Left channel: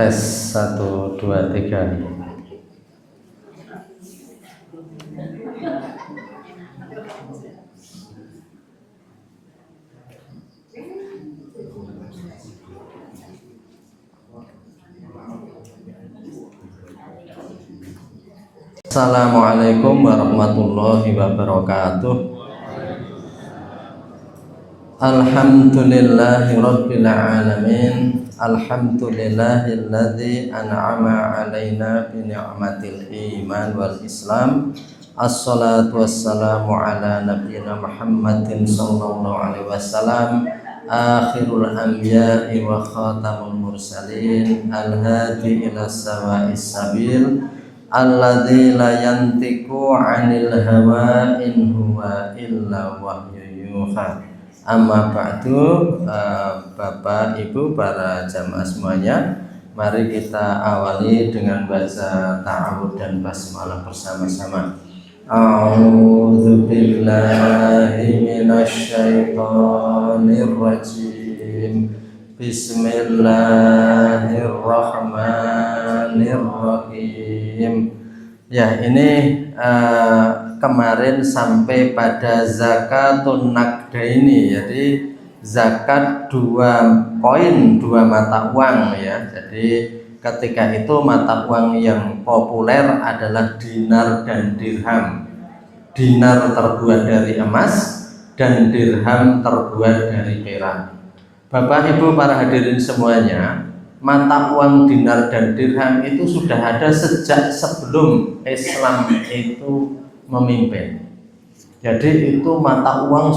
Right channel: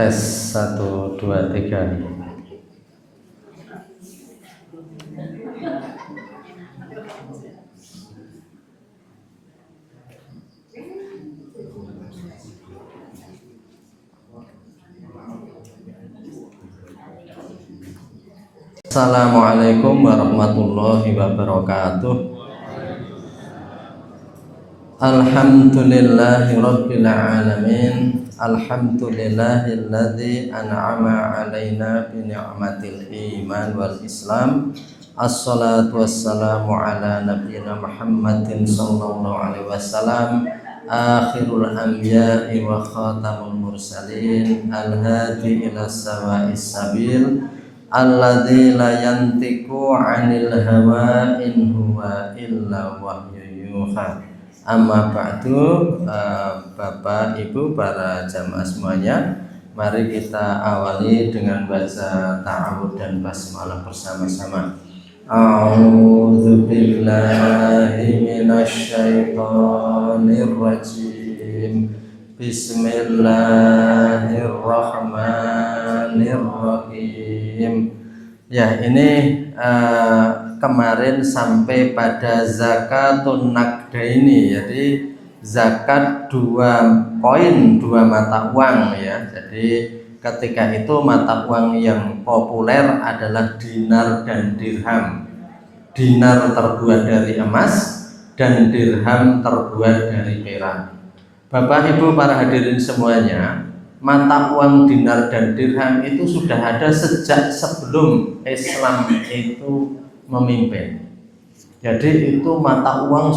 Tes 1 2 3. Assalamualaikum warahmatullahi wabarakatuh. Alhamdulillahi rabbil alamin. Alhamdulillahilladzi an'ama alaina bi ni'matil iman wal islam. Assalatu wassalamu ala nabiyyina Muhammadin sallallahu alaihi wasallam, akhirul anbiya'i wa khatamul mursalin, al-hadi ila sawa'is sabil, alladzi la yantiqu 'anil hawa in huwa illa wahyu yuha. Amma ba'du. Bapak Ibu para jamaah semuanya, mari kita awali dengan baca ta'awudz dan basmalah bersama-sama. A'udzu billahi minasy syaithanir rajim. Bismillahirrahmanirrahim. Ya, ini kemarin sampai pada zakatun naqdaini, jadi zakat 2 koin, 2 mata uang ya. Jadi ketika itu mata uang yang populer adalah dinar dan dirham. Dinar terbuat dari emas dan dirham terbuat dari perak. Bapak Ibu para hadirin semuanya, mata uang dinar dan dirham itu sudah ada sejak sebelum Islam itu memimpin. Jadi itu mata uang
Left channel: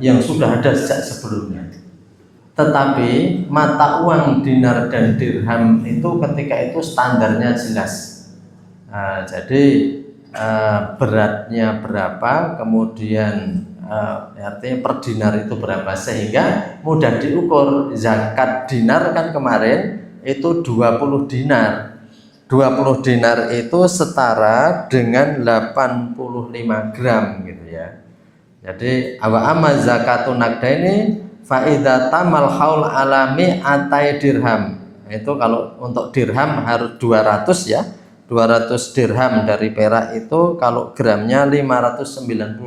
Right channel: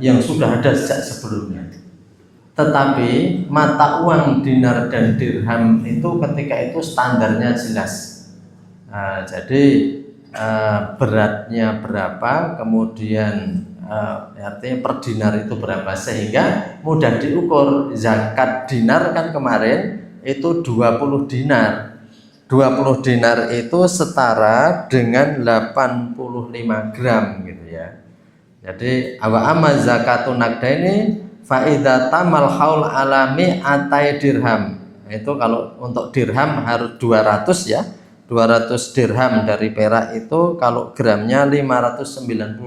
yang sudah ada sejak sebelumnya. Tetapi mata uang dinar dan dirham itu ketika itu standarnya jelas. Jadi beratnya berapa, kemudian artinya per dinar itu berapa, sehingga mudah diukur. Zakat dinar kan kemarin itu 20 dinar. 20 dinar itu setara dengan 85 gram gitu ya. Jadi awa amma zakatun naqdaini fa idza tamal haul alami atai dirham. Itu kalau untuk dirham harus 200 ya. 200 dirham dari perak itu kalau gramnya 595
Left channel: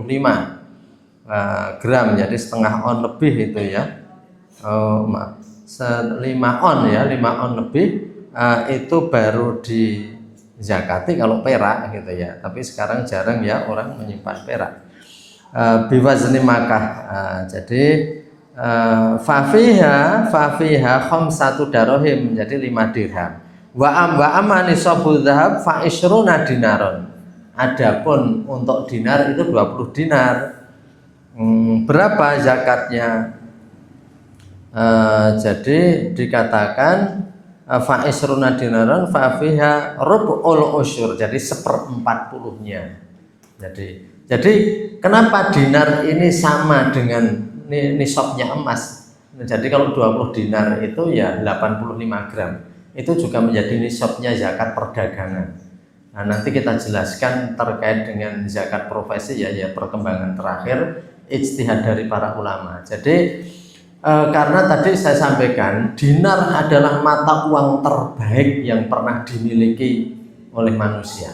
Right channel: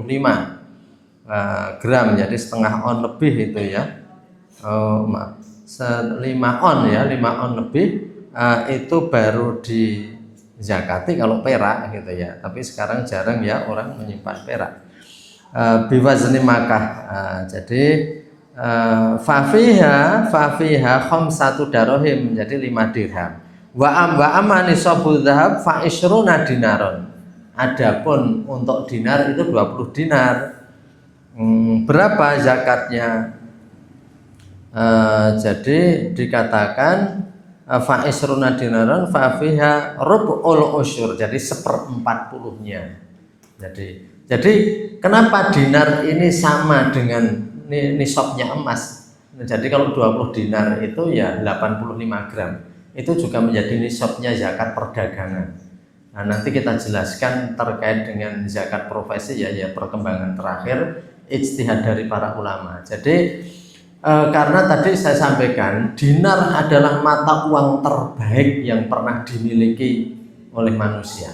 gram, jadi setengah on lebih itu ya. 5 on ya, 5 on lebih. Itu baru dizakati kalau perak gitu ya. Tapi sekarang jarang ya orang menyimpan perak. Biwazni Makkah. Jadi fafiha khamsatu darahim, jadi 5 dirham. Wa amani sabu dzahab fa isruna dinaron. Adapun untuk dinar itu 20 dinar. Berapa zakatnya? Jadi dikatakan fa isruna dinaron fa fiha rub'ul usyur, jadi 1/40-nya. Jadi kenapa dinar ini sama dengan nisabnya emas? Jadi kalau 20 dinar itu ya 85 gram. Itu juga menjadi nisabnya zakat perdagangan. Nah, nanti kita jelaskan terkait dengan zakat profesi ya perkembangan terakhir ijtihad dari para ulama. Jadi karena tadi saya sampaikan dinar adalah mata uang terbaik yang pernah dimiliki oleh manusia.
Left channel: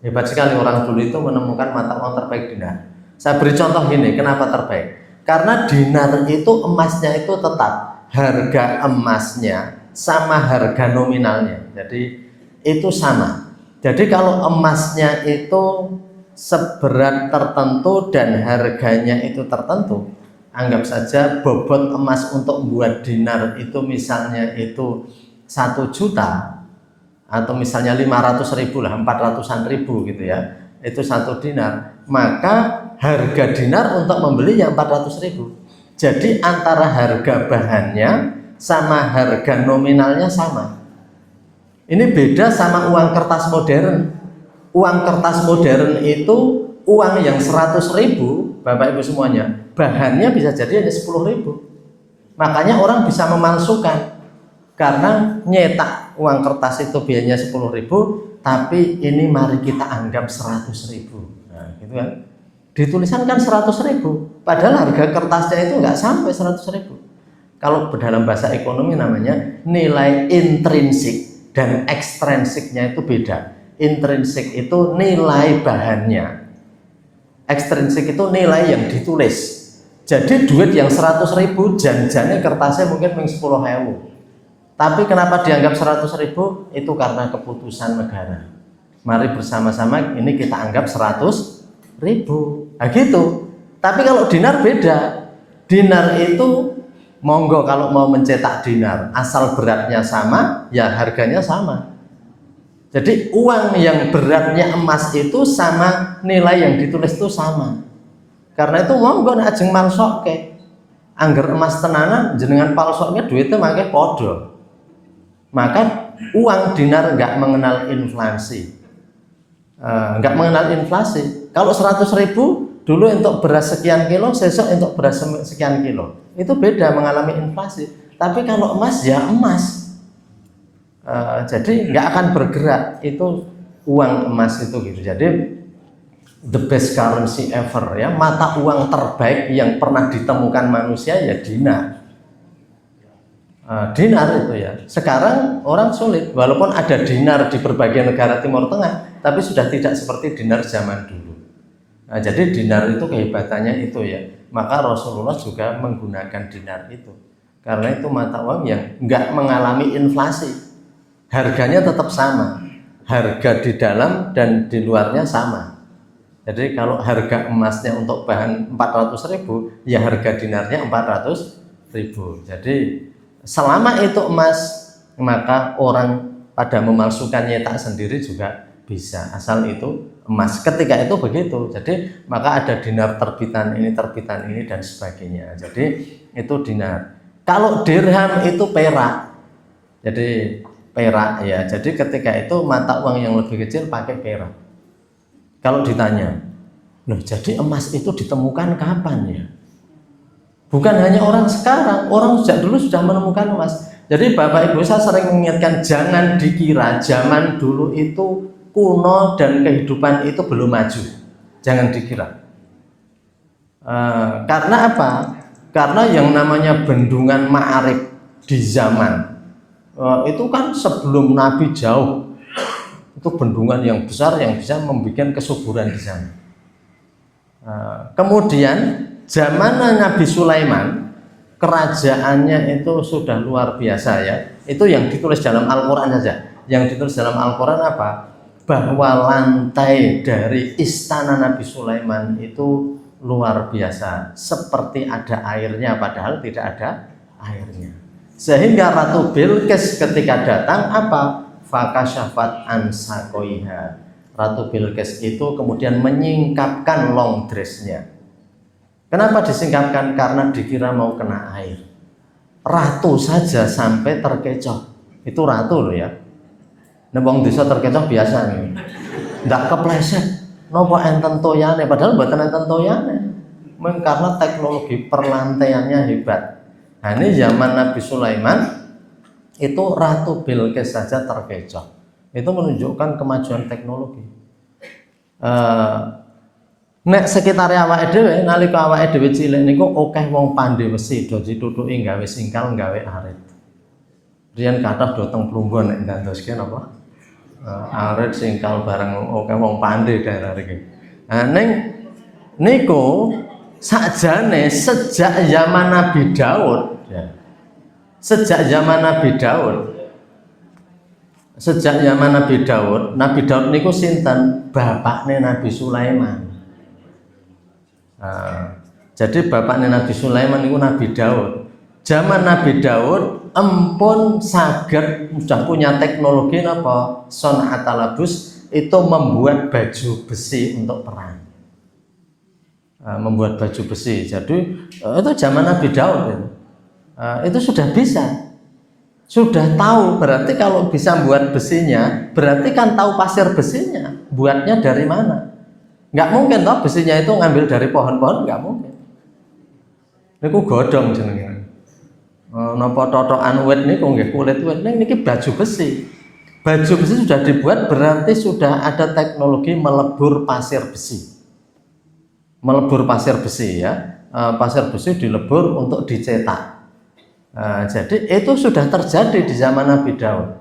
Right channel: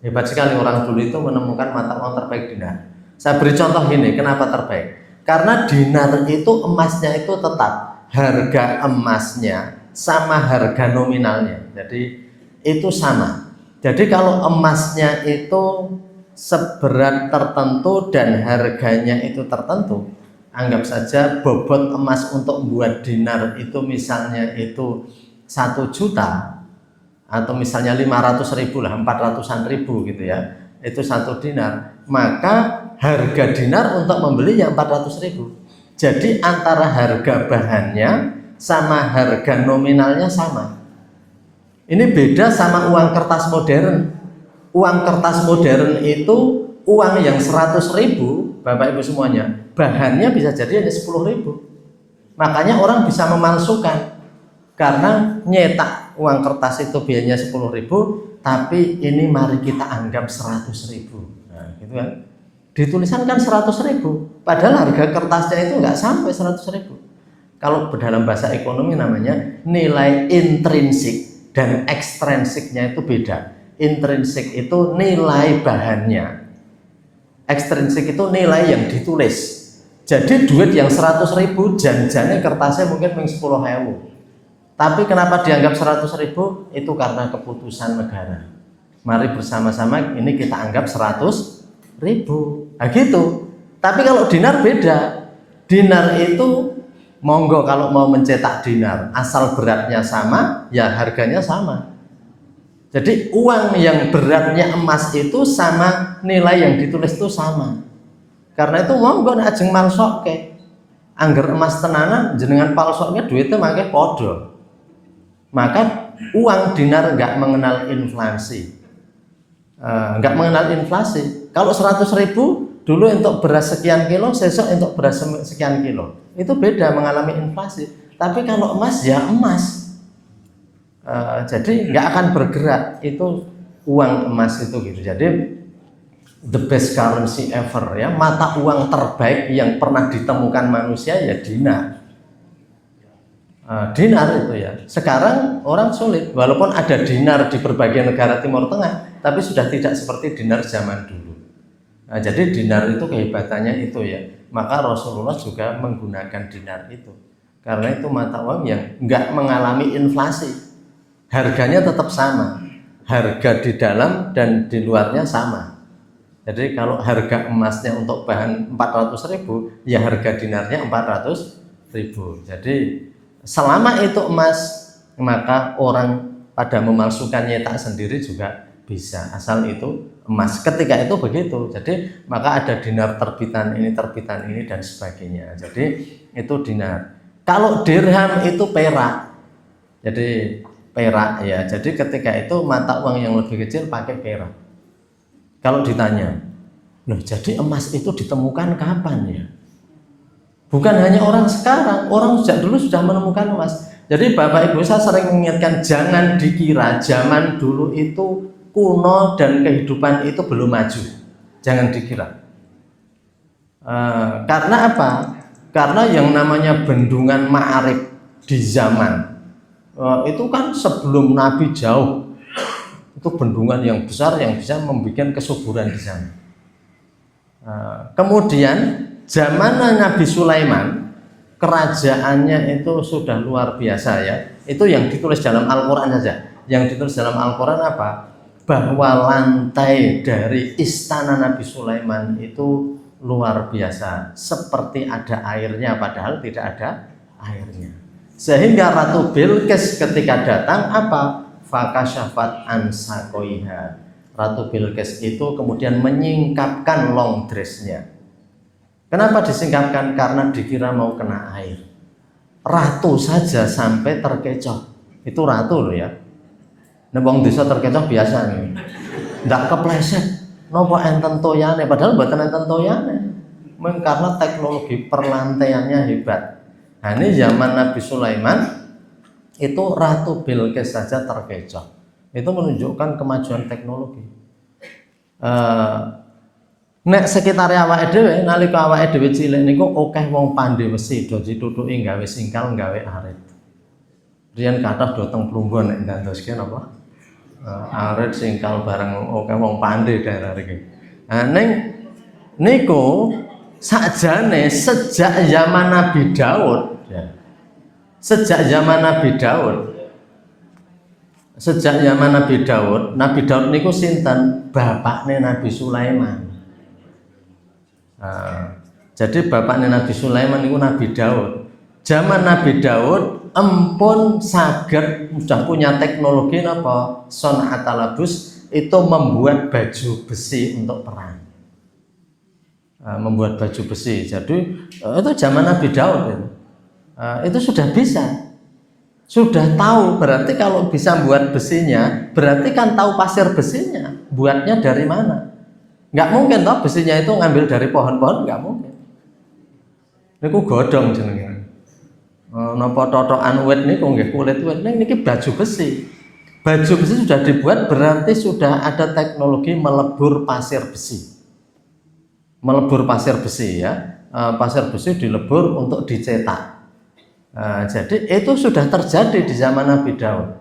Hebat sekali orang dulu itu menemukan mata uang terbaik dinar. Saya beri contoh gini, kenapa terbaik? Karena dinar itu emasnya itu tetap harga emasnya sama harga nominalnya. Jadi itu sama. Jadi kalau emasnya itu seberat tertentu dan harganya itu tertentu, anggap saja bobot emas untuk membuat dinar itu misalnya itu 1 juta, atau misalnya 500.000 lah, 400-an ribu gitu ya, itu 1 dinar, maka harga dinar untuk membelinya 400.000. Jadi antara harga bahannya sama harga nominalnya sama. Ini beda sama uang kertas modern. Uang kertas modern itu uang yang 100.000, Bapak Ibu semuanya, bahannya bisa jadi ada 10.000. Makanya orang bisa memalsukan, karena nyetak uang kertas itu biayanya 10.000, tapi ini mari kita anggap 100.000. Nah, gitu kan. Ditulisan kan 100.000, padahal harga kertasnya itu nggak sampai 100.000. Kalau dalam bahasa ekonomi namanya nilai intrinsik dan ekstrinsiknya itu beda. Intrinsik itu nilai bahannya, ekstrinsik itu nilai yang ditulis. Jadi duit yang 100.000 janjane kertasnya mungkin 10.000. Tapi kenapa dianggap 100.000? Itu karena keputusan negara. Mari bersama-sama ini kita anggap 100.000. Nah gitu. Tapi kalau dinar beda. Dinar itu monggo kalau mau mencetak dinar, asal beratnya sama, ya harganya sama. Jadi uang yang beratnya emas itu sama nilai yang ditulis itu sama. Karena itu monggo nek ajeng malsokke. Angger emas tenanan jenengan palsoknya duitnya makanya podo. Maka uang dinar nggak mengenal inflasi. Nggak mengenal inflasi. Kalau 100.000 dulu untuk beras sekian kilo, besok untuk beras sekian kilo. Itu beda, mengalami inflasi. Tapi kalau emas ya emas. Jadi nggak akan bergerak, itu uang emas itu gitu. Jadi the best currency ever ya, mata uang terbaik yang pernah ditemukan manusia ya dinar. Dinar itu ya. Sekarang orang sulit, walaupun ada dinar di berbagai negara Timur Tengah, tapi sudah tidak seperti dinar zaman dulu. Jadi dinar itu kehebatannya itu ya. Maka Rasulullah juga menggunakan dinar itu, karena itu mata uang yang nggak mengalami inflasi, harganya tetap sama, harga di dalam dan di luarnya sama. Jadi kalau harga emasnya untuk bahan 400.000, ya harga dinarnya 400.000. Jadi selama itu emas, maka orang pada memalsukan nyetak sendiri juga bisa, asal itu emas. Ketika itu begitu. Jadi maka ada dinar terbitan ini dan sebagainya. Jadi itu dinar. Kalau dirham itu perak. Jadi perak ya. Jadi ketika itu mata uang yang lebih kecil pakai perak. Kalau ditanya, loh jadi emas itu ditemukan kapan ya? Bukan hanya orang sekarang, orang sejak dulu sudah menemukan emas. Jadi Bapak Ibu saya sering mengingatkan, jangan dikira zaman dulu itu kuno dan kehidupan itu belum maju. Jangan dikira. Karena apa? Karena yang namanya bendungan Ma'arif di zaman itu kan sebelum Nabi jauh. Itu bendungan yang besar yang bisa membuat kesuburan di sana. Kemudian zaman Nabi Sulaiman, kerajaannya itu sudah luar biasa ya. Itu yang ditulis dalam Al-Quran saja. Yang ditulis dalam Al-Quran apa? Bahwa lantai dari istana Nabi Sulaiman itu luar biasa, seperti ada airnya padahal tidak ada airnya. Sehingga Ratu Bilqis ketika datang apa? Fakasyafat an sakoiha. Ratu Bilqis itu kemudian menyingkapkan long dressnya. Kenapa disingkapkan? Karena dikira mau kena air. Ratu saja sampai terkecoh. Itu ratu loh ya. Nek wong desa terkecoh biasa nih. Ndak kepleset. Napa enten toyane padahal mboten enten toyane. Karena teknologi perlantaiannya hebat. Nah, ini zaman Nabi Sulaiman itu Ratu Bilqis saja terkecoh. Itu menunjukkan kemajuan teknologi. Nek sekitar awake dhewe nalika awake dhewe cilik niku akeh wong pandhe wesi do ditutuki gawe singkal gawe arit. Riyen kathah do teng Plumbon nek ngantoske napa? Arit singkal bareng akeh wong pandhe daerah iki. Nah ning niku sakjane sejak zaman Nabi Daud ya. Sejak zaman Nabi Daud niku sinten? Bapakne Nabi Sulaiman. Jadi bapaknya Nabi Sulaiman itu Nabi Daud. Zaman Nabi Daud empun saged sudah punya teknologi apa? Son'atalabus, itu membuat baju besi untuk perang. Membuat baju besi. Jadi itu zaman Nabi Daud itu sudah bisa. Sudah tahu, berarti kalau bisa buat besinya, berarti kan tahu pasir besinya, buatnya dari mana. Nggak mungkin toh besinya itu ngambil dari pohon-pohon, nggak mungkin. Niku godhong jenenge. Napa totokan wit niku nggih kulit wit niki baju besi. Baju besi sudah dibuat berarti sudah ada teknologi melebur pasir besi. Melebur pasir besi ya. Pasir besi dilebur untuk dicetak. Jadi itu sudah terjadi di zaman Nabi Daud.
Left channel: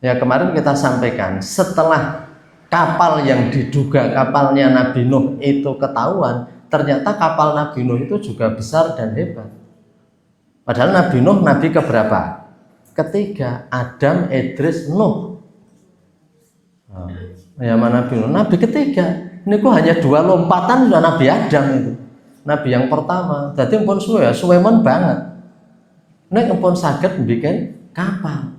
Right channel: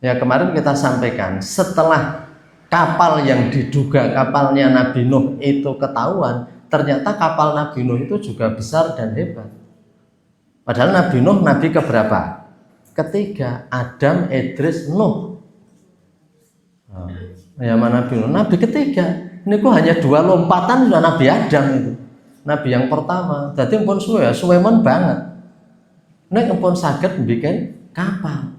Ya kemarin kita sampaikan setelah kapal yang diduga kapalnya Nabi Nuh itu ketahuan, ternyata kapal Nabi Nuh itu juga besar dan hebat. Padahal Nabi Nuh nabi keberapa? Ketiga, Adam, Idris, Nuh. Ya mana Nabi Nuh? Nabi ketiga. Ini kok hanya 2 lompatan sudah Nabi Adam itu. Nabi yang pertama. Jadi pun suweman banget. Nek pun saged bikin kapal.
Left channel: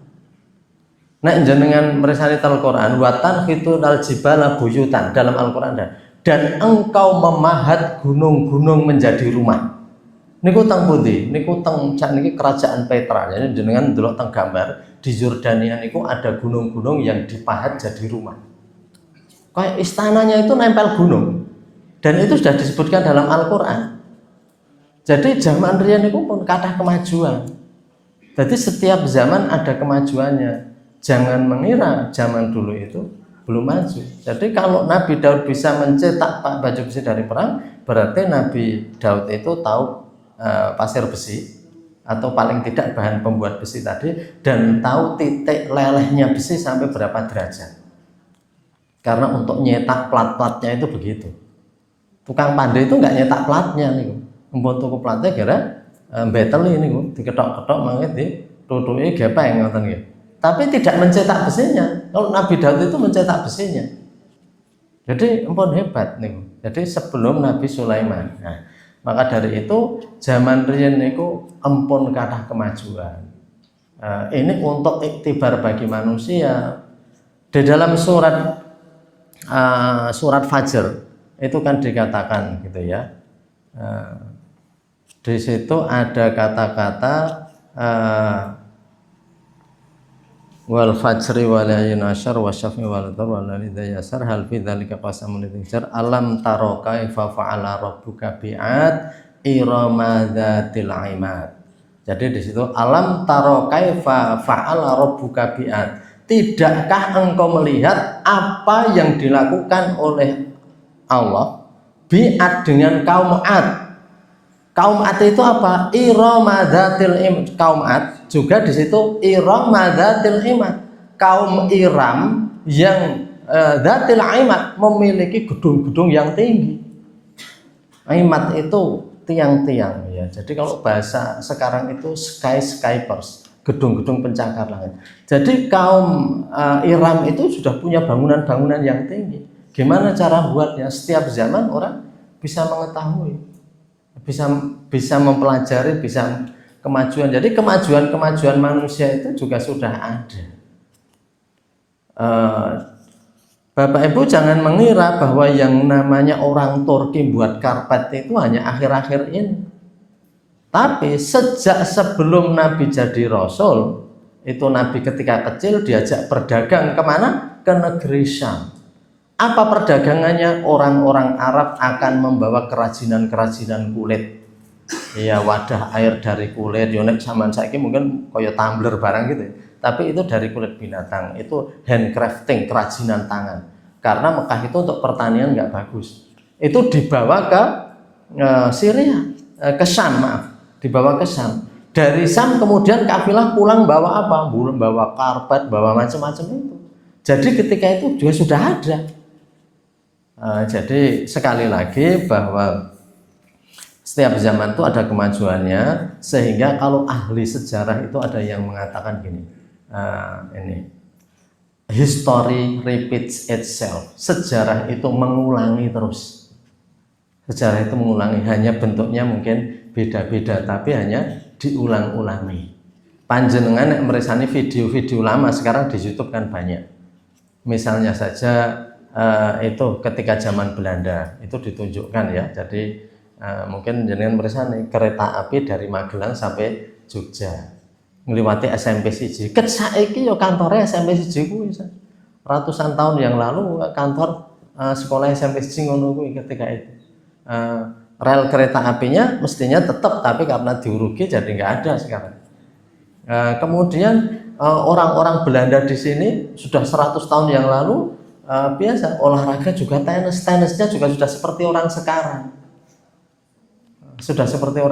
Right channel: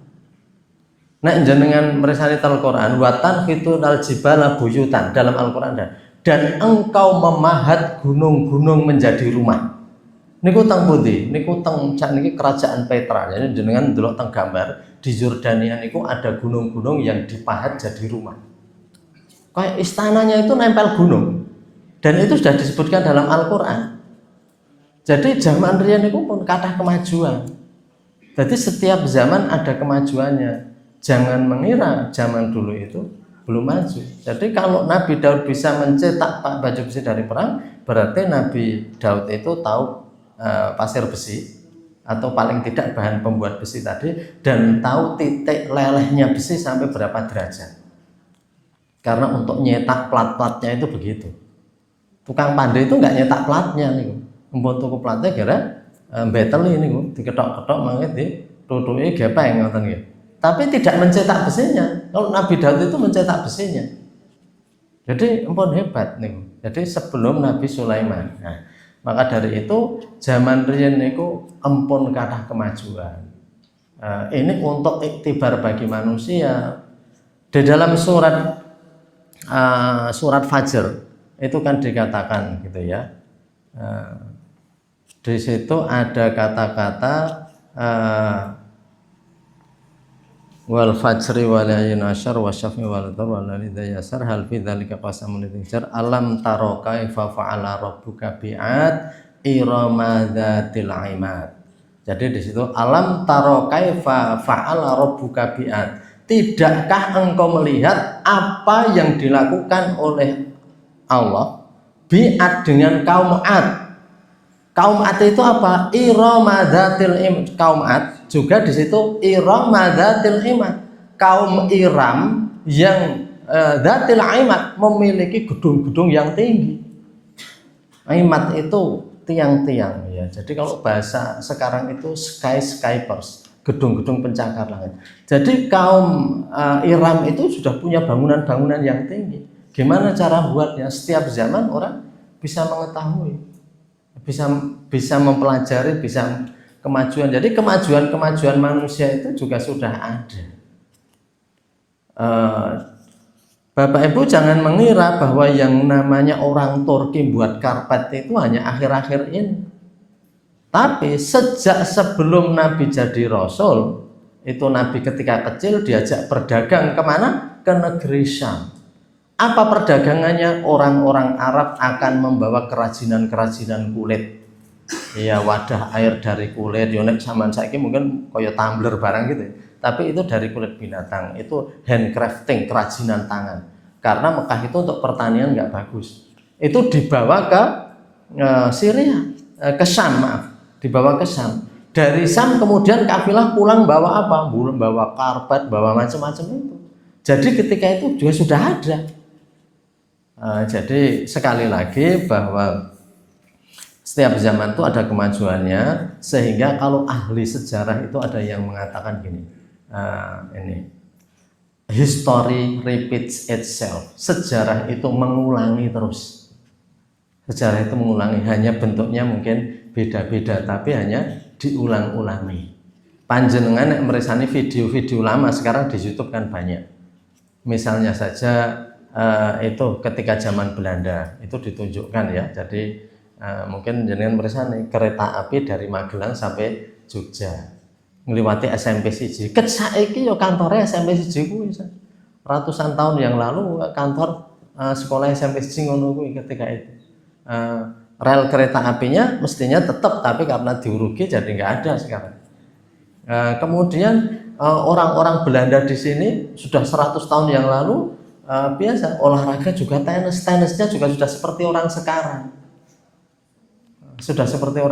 Nek jenengan meresani Al-Qur'an watan fitu dal jibala buyutan dalam Al-Qur'an dan engkau memahat gunung-gunung menjadi rumah. Niku teng pundi? Niku teng niki kerajaan Petra. Jadi jenengan ndelok teng gambar di Yordania niku ada gunung-gunung yang dipahat jadi rumah. Kayak istananya itu nempel gunung. Dan itu sudah disebutkan dalam Al-Qur'an. Jadi zaman riyen niku pun kathah kemajuan. Jadi setiap zaman ada kemajuannya. Jangan mengira zaman dulu itu belum maju. Jadi kalau Nabi Daud bisa mencetak baju besi dari perang, berarti Nabi Daud itu tahu pasir besi atau paling tidak bahan pembuat besi tadi dan tahu titik lelehnya besi sampai berapa derajat. Karena untuk nyetak plat-platnya itu begitu. Tukang pandai itu nggak nyetak platnya nih. Membuat tuku platnya kira betel ini diketok-ketok mangit di tutuki gepeng ngoten nggih. Tapi tidak mencetak besinya. Kalau Nabi Daud itu mencetak besinya. Jadi empun hebat nih. Jadi sebelum Nabi Sulaiman. Nah, maka dari itu zaman riyen niku empun kathah kemajuan. Ini untuk iktibar bagi manusia. Di dalam surat Fajr itu kan dikatakan gitu ya. Di situ ada kata-kata wal fajri wal layli asyar wasyafi wal dhar wal layli yasar hal fi dzalika qasamul lidzar alam taro kaifa fa'ala rabbuka bi'ad irama dzatil imad. Jadi di situ alam taro kaifa fa'ala rabbuka bi'ad. Tidakkah engkau melihat apa yang dilakukan oleh Allah bi'ad dengan kaum Ad? Kaum Ad itu apa? Irama dzatil imad. Kaum Ad juga di situ Irama dzatil imad. Kaum Iram yang dzatil imad memiliki gedung-gedung yang tinggi. Imad itu tiang-tiang ya. Jadi kalau bahasa sekarang itu skyscrapers, gedung-gedung pencakar langit. Jadi kaum Iram itu sudah punya bangunan-bangunan yang tinggi. Gimana cara buatnya? Setiap zaman orang bisa mengetahui. Bisa mempelajari, bisa kemajuan. Jadi kemajuan manusia itu juga sudah ada. Bapak Ibu jangan mengira bahwa yang namanya orang Turki buat karpet itu hanya akhir-akhir ini. Tapi sejak sebelum Nabi jadi Rasul, itu Nabi ketika kecil diajak berdagang kemana? Ke negeri Syam. Apa perdagangannya? Orang-orang Arab akan membawa kerajinan-kerajinan kulit. Ya wadah air dari kulit. Yonek zaman saiki mungkin kayak tumbler barang gitu. Tapi itu dari kulit binatang. Itu handcrafting, kerajinan tangan. Karena Mekah itu untuk pertanian nggak bagus. Itu dibawa ke Syria, ke Syam maaf. Dibawa ke Syam. Dari Syam kemudian kafilah pulang bawa apa? Bawa karpet, bawa macam-macam itu. Jadi ketika itu juga sudah ada. Jadi sekali lagi bahwa setiap zaman itu ada kemajuannya, sehingga kalau ahli sejarah itu ada yang mengatakan gini, ini history repeats itself. Sejarah itu mengulangi terus. Sejarah itu mengulangi, hanya bentuknya mungkin beda-beda, tapi hanya diulang-ulangi. Panjenengan yang meresani video-video lama sekarang di YouTube kan banyak. Misalnya saja itu ketika zaman Belanda itu ditunjukkan ya. Jadi mungkin jenengan meresani kereta api dari Magelang sampai Jogja ngliwati SMP siji. Ket saiki yo kantore SMP siji kuwi ratusan tahun yang lalu kantor sekolah SMP siji ngono kuwi ketika itu. Rel kereta apinya mestinya tetap, tapi karena diurugi jadi nggak ada sekarang. Kemudian orang-orang Belanda di sini sudah 100 tahun yang lalu biasa olahraga juga tenisnya juga sudah seperti orang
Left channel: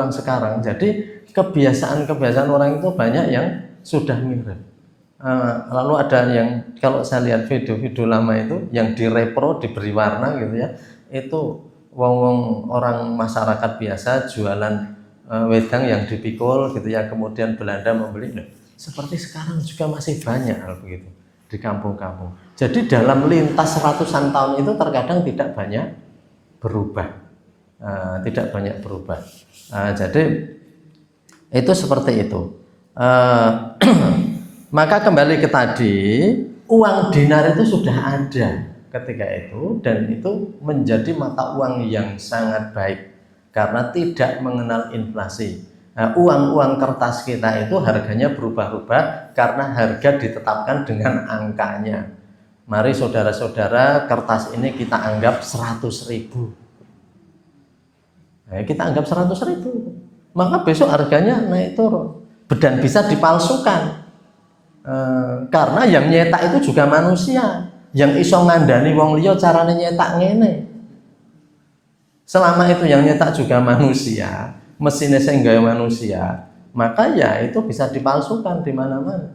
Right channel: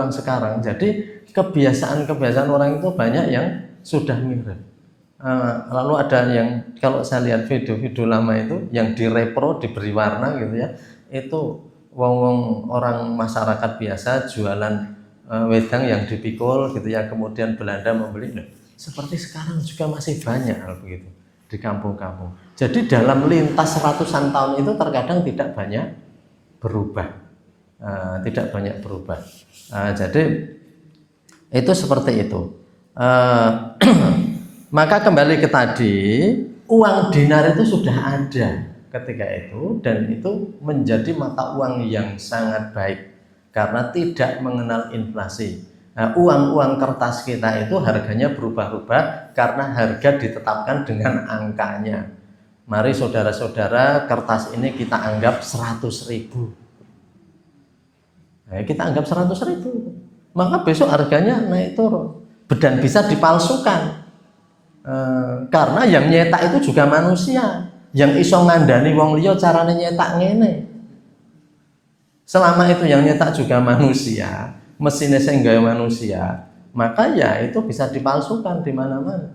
sekarang. Jadi kebiasaan orang itu banyak yang sudah mirip. Lalu ada yang kalau saya lihat video-video lama itu yang direpro diberi warna gitu ya, itu wong orang masyarakat biasa jualan wedang yang dipikul gitu ya, kemudian Belanda membeli. Seperti sekarang juga masih banyak hal begitu di kampung-kampung. Jadi dalam lintas ratusan tahun itu terkadang tidak banyak berubah, jadi itu seperti itu. Maka kembali ke tadi, uang dinar itu sudah ada ketika itu, dan itu menjadi mata uang yang sangat baik karena tidak mengenal inflasi. Uang-uang kertas kita itu harganya berubah-ubah karena harga ditetapkan dengan angkanya. Mari saudara-saudara, kertas ini kita anggap 100.000. Kita anggap 100.000, maka besok harganya naik turun dan bisa dipalsukan. Karena yang nyetak itu juga manusia, yang iso ngandani wong liya carane nyetak ngene. Selama itu yang nyetak juga manusia, mesinnya sing gawe manusia, maka ya itu bisa dipalsukan di mana-mana.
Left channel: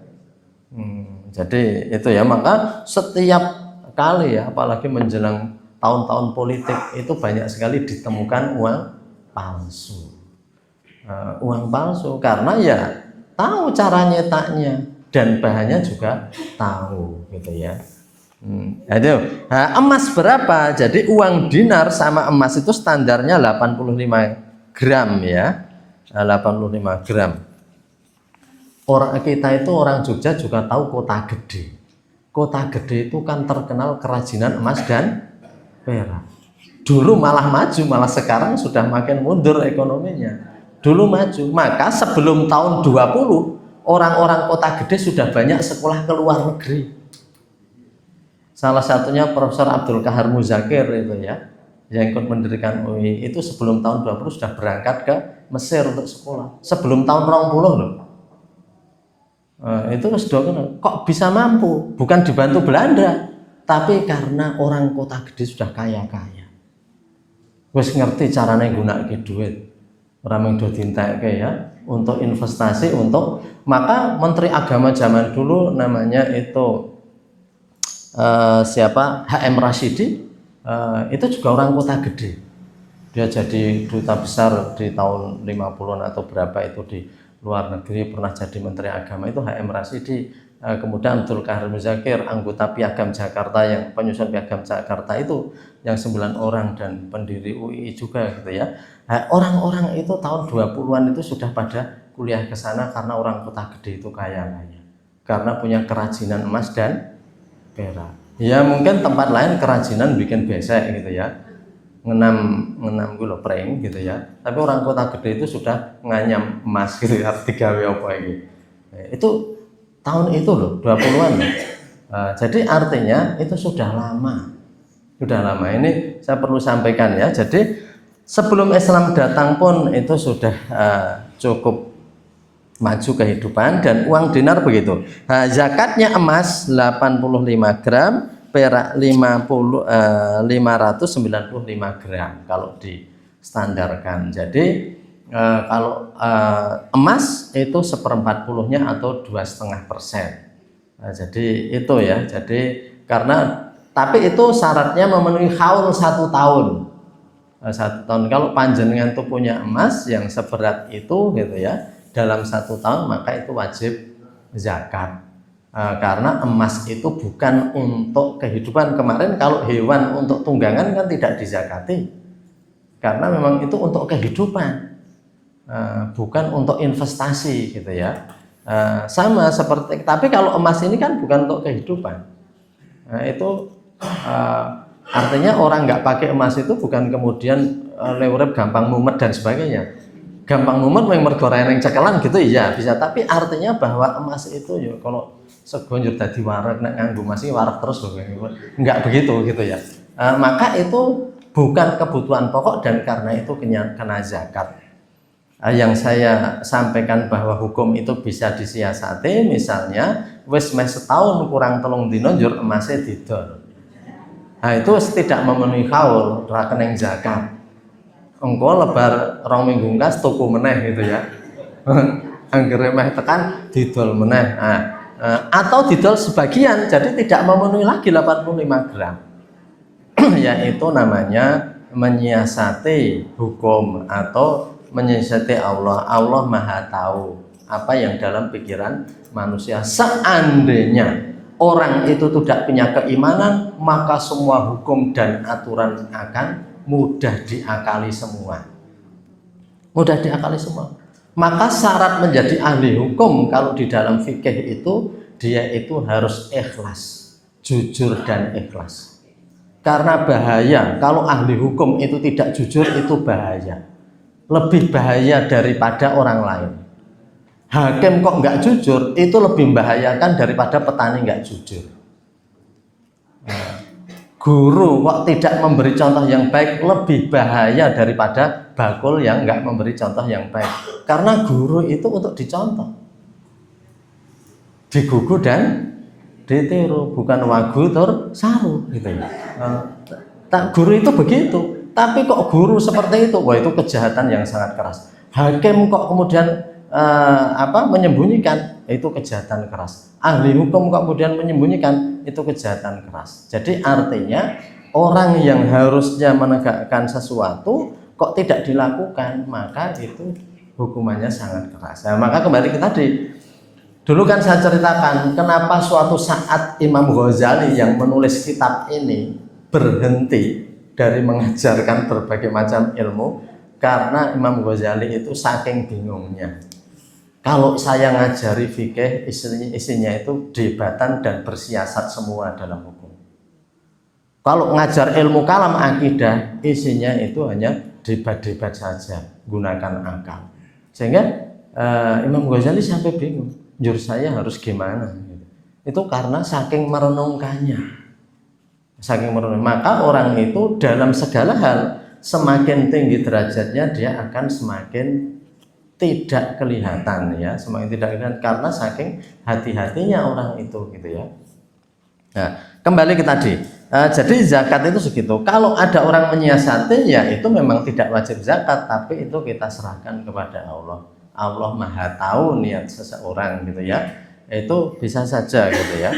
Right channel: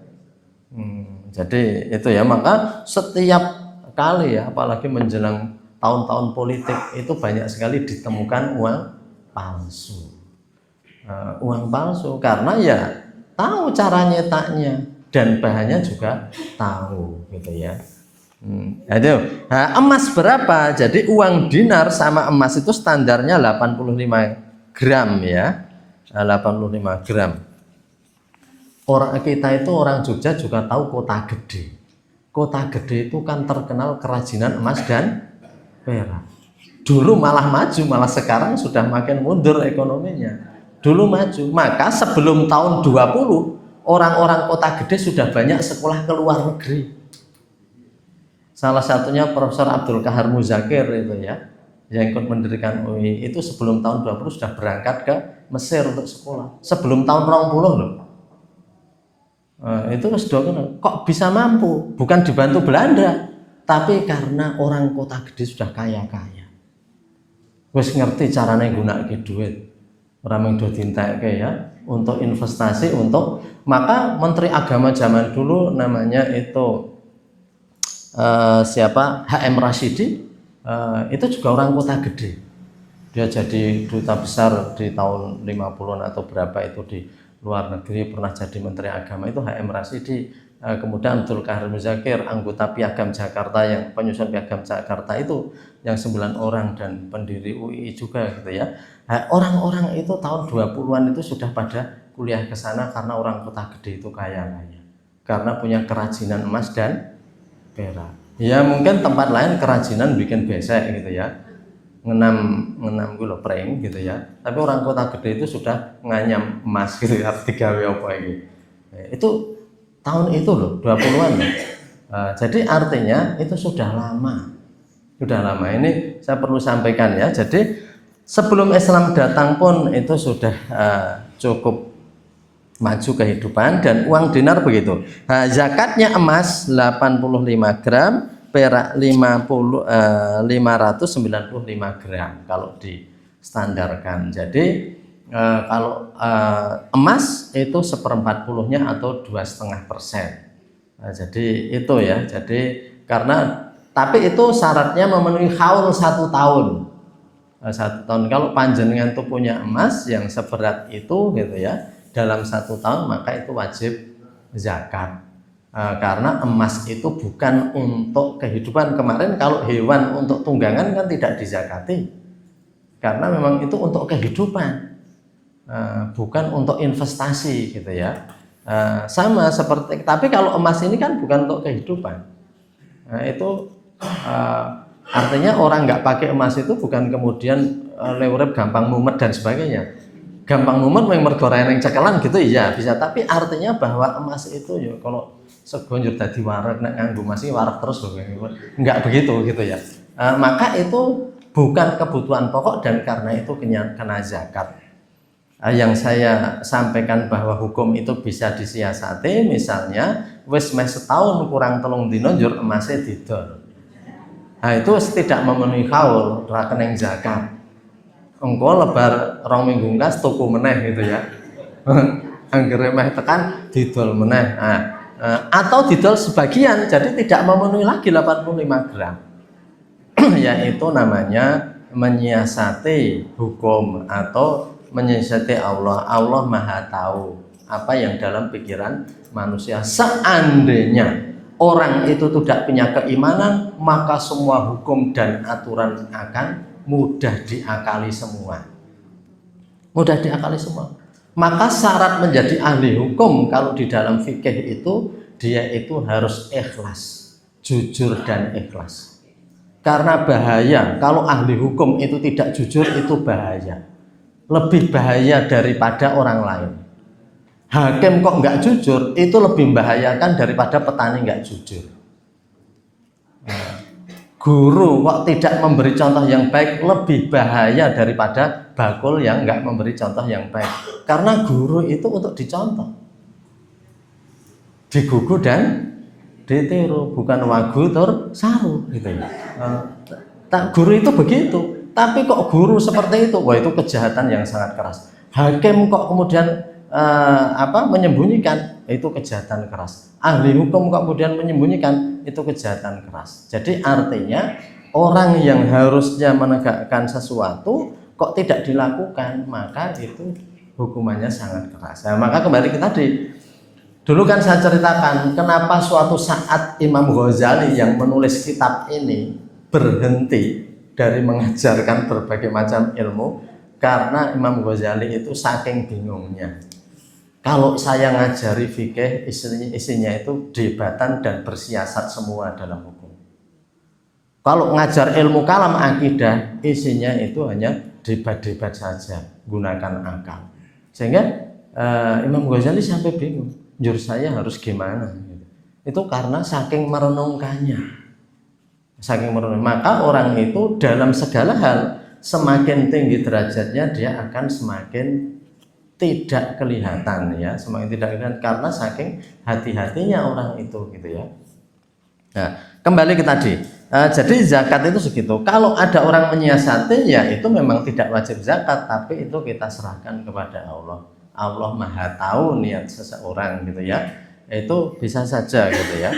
Jadi itu ya, maka setiap kali ya, apalagi menjelang tahun-tahun politik itu banyak sekali ditemukan uang palsu. Uang palsu karena ya tahu cara nyetaknya dan bahannya juga tahu gitu ya. Emas berapa? Jadi uang dinar sama emas itu standarnya 85 gram ya, 85 gram. Orang kita itu, orang Jogja juga tahu Kota Gede. Kota Gede itu kan terkenal kerajinan emas dan perak. Dulu malah maju, malah sekarang sudah makin mundur ekonominya. Dulu maju, maka sebelum tahun 20 orang-orang Kota Gede sudah banyak sekolah ke luar negeri. Salah satunya Profesor Abdul Kahar Muzakir itu ya, yang ikut mendirikan UI, itu sebelum tahun 20 sudah berangkat ke Mesir untuk sekolah. Sebelum tahun 20 loh. Itu sudah kok bisa mampu, bukan dibantu Belanda, tapi karena orang Kota Gede sudah kaya-kaya. Wis ngerti caranya gunake duit. Ora mung do dintekke ya, untuk investasi, untuk maka Menteri Agama zaman dulu namanya itu HM Rashidi, itu juga orang Kota Gede. Dia jadi duta besar di tahun 50-an atau berapa itu di luar negeri, pernah jadi Menteri Agama itu HM Rashidi. Kemudian Abdul Kahar Muzakir, anggota Piagam Jakarta, yang penyusun Piagam Jakarta itu yang 9 orang, dan pendiri UI juga gitu ya. Orang-orang itu tahun 20-an itu sudah pada kuliah ke sana karena orang Kota Gede itu kaya-kaya. Karena punya kerajinan emas dan perak. Ya mungkin tempat lain kerajinan bikin besek gitu ya, ngenam gula pring gitu ya, tapi orang Kota Gede itu sudah nganyam emas gitu ya, digawe apa ini. Itu tahun itu loh, 20-an. Jadi artinya itu sudah lama. Ini saya perlu sampaikan ya. Jadi sebelum Islam datang pun itu sudah cukup maju kehidupan, dan uang dinar begitu. Zakatnya emas 85 gram, perak 595 gram kalau distandarkan. Jadi kalau emas itu 1/40-nya atau 2,5%. Jadi itu ya. Jadi karena tapi itu syaratnya memenuhi haul 1 tahun. 1 tahun. Kalau panjenengan tuh punya emas yang seberat itu gitu ya, dalam 1 tahun, maka itu wajib zakat. Karena emas itu bukan untuk kehidupan. Kemarin kalau hewan untuk tunggangan kan tidak dizakati, karena memang itu untuk kehidupan, bukan untuk investasi gitu ya. Sama seperti, tapi kalau emas ini kan bukan untuk kehidupan. Itu artinya orang nggak pakai emas itu bukan kemudian urip gampang mumet dan sebagainya. Gampang mumet yang mergo reneng cekelan gitu iya bisa, tapi artinya bahwa emas itu ya kalau sego njur dadi warak, nek nganggo emas iki warak terus loh, enggak begitu gitu ya. Maka itu bukan kebutuhan pokok, dan karena itu kena zakat. Yang saya sampaikan bahwa hukum itu bisa disiasati, misalnya wis meh setahun kurang 3 dina njur emasnya didol. Itu tidak memenuhi haul, ora keneng zakat. Engko lebar 2 minggu kas tuku meneh gitu ya. Anggere meh tekan didol meneh. Atau didol sebagian, jadi tidak memenuhi lagi 85 gram. Yaitu namanya menyiasati hukum atau menyiasati Allah. Allah Maha tahu apa yang dalam pikiran manusia. Seandainya orang itu tidak punya keimanan, maka semua hukum dan aturan akan mudah diakali semua. Mudah diakali semua. Maka syarat menjadi ahli hukum kalau di dalam fikih itu, dia itu harus ikhlas, jujur dan ikhlas. Karena bahaya, kalau ahli hukum itu tidak jujur itu bahaya. Lebih bahaya daripada orang lain. Hakim kok nggak jujur, itu lebih membahayakan daripada petani nggak jujur. Guru kok tidak memberi contoh yang baik, lebih bahaya daripada bakul yang nggak memberi contoh yang baik. Karena guru itu untuk dicontoh, digugu dan ditiru, bukan wagu tur saru gitu ya. Guru itu begitu, tapi kok guru seperti itu, wah itu kejahatan yang sangat keras. Hakim kok kemudian menyembunyikan, itu kejahatan keras. Ahli hukum kok kemudian menyembunyikan, itu kejahatan keras. Jadi artinya orang yang harusnya menegakkan sesuatu kok tidak dilakukan, maka itu hukumannya sangat keras. Nah, maka kembali ke tadi, dulu kan saya ceritakan kenapa suatu saat Imam Ghazali yang menulis kitab ini berhenti dari mengajarkan berbagai macam ilmu, karena Imam Ghazali itu saking bingungnya. Kalau saya ngajari fikih, isinya itu debatan dan bersiasat semua dalam hukum. Kalau ngajar ilmu kalam akidah, isinya itu hanya debat-debat saja, gunakan akal. Sehingga Imam Ghazali sampai bingung, jur saya harus gimana? Itu karena saking merenungkannya. Saking merenung, maka orang itu dalam segala hal semakin tinggi derajatnya dia akan semakin tidak kelihatan ya, semakin tidak kelihatan karena saking hati-hatinya orang itu gitu ya. Nah, kembali ke tadi. Jadi zakat itu segitu. Kalau ada orang menyiasati ya itu memang tidak wajib zakat, tapi itu kita serahkan kepada Allah. Allah Maha tahu niat seseorang gitu ya. Itu bisa saja gitu ya.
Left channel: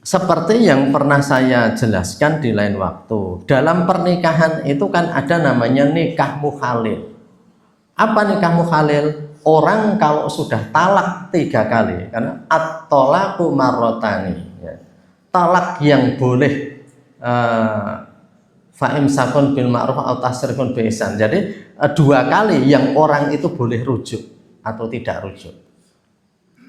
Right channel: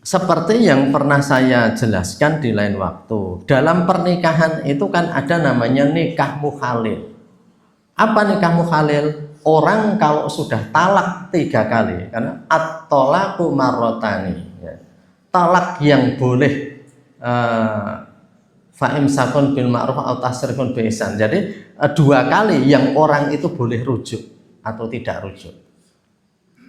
Seperti yang pernah saya jelaskan di lain waktu, dalam pernikahan itu kan ada namanya nikah mukhalil. Apa nikah mukhalil? Orang kalau sudah talak 3 kali, karena at-thalaqu marratani, ya. Talak yang boleh fa'imsakun bil ma'ruf atau tasrifun bi ihsan. Jadi 2 kali yang orang itu boleh rujuk atau tidak rujuk.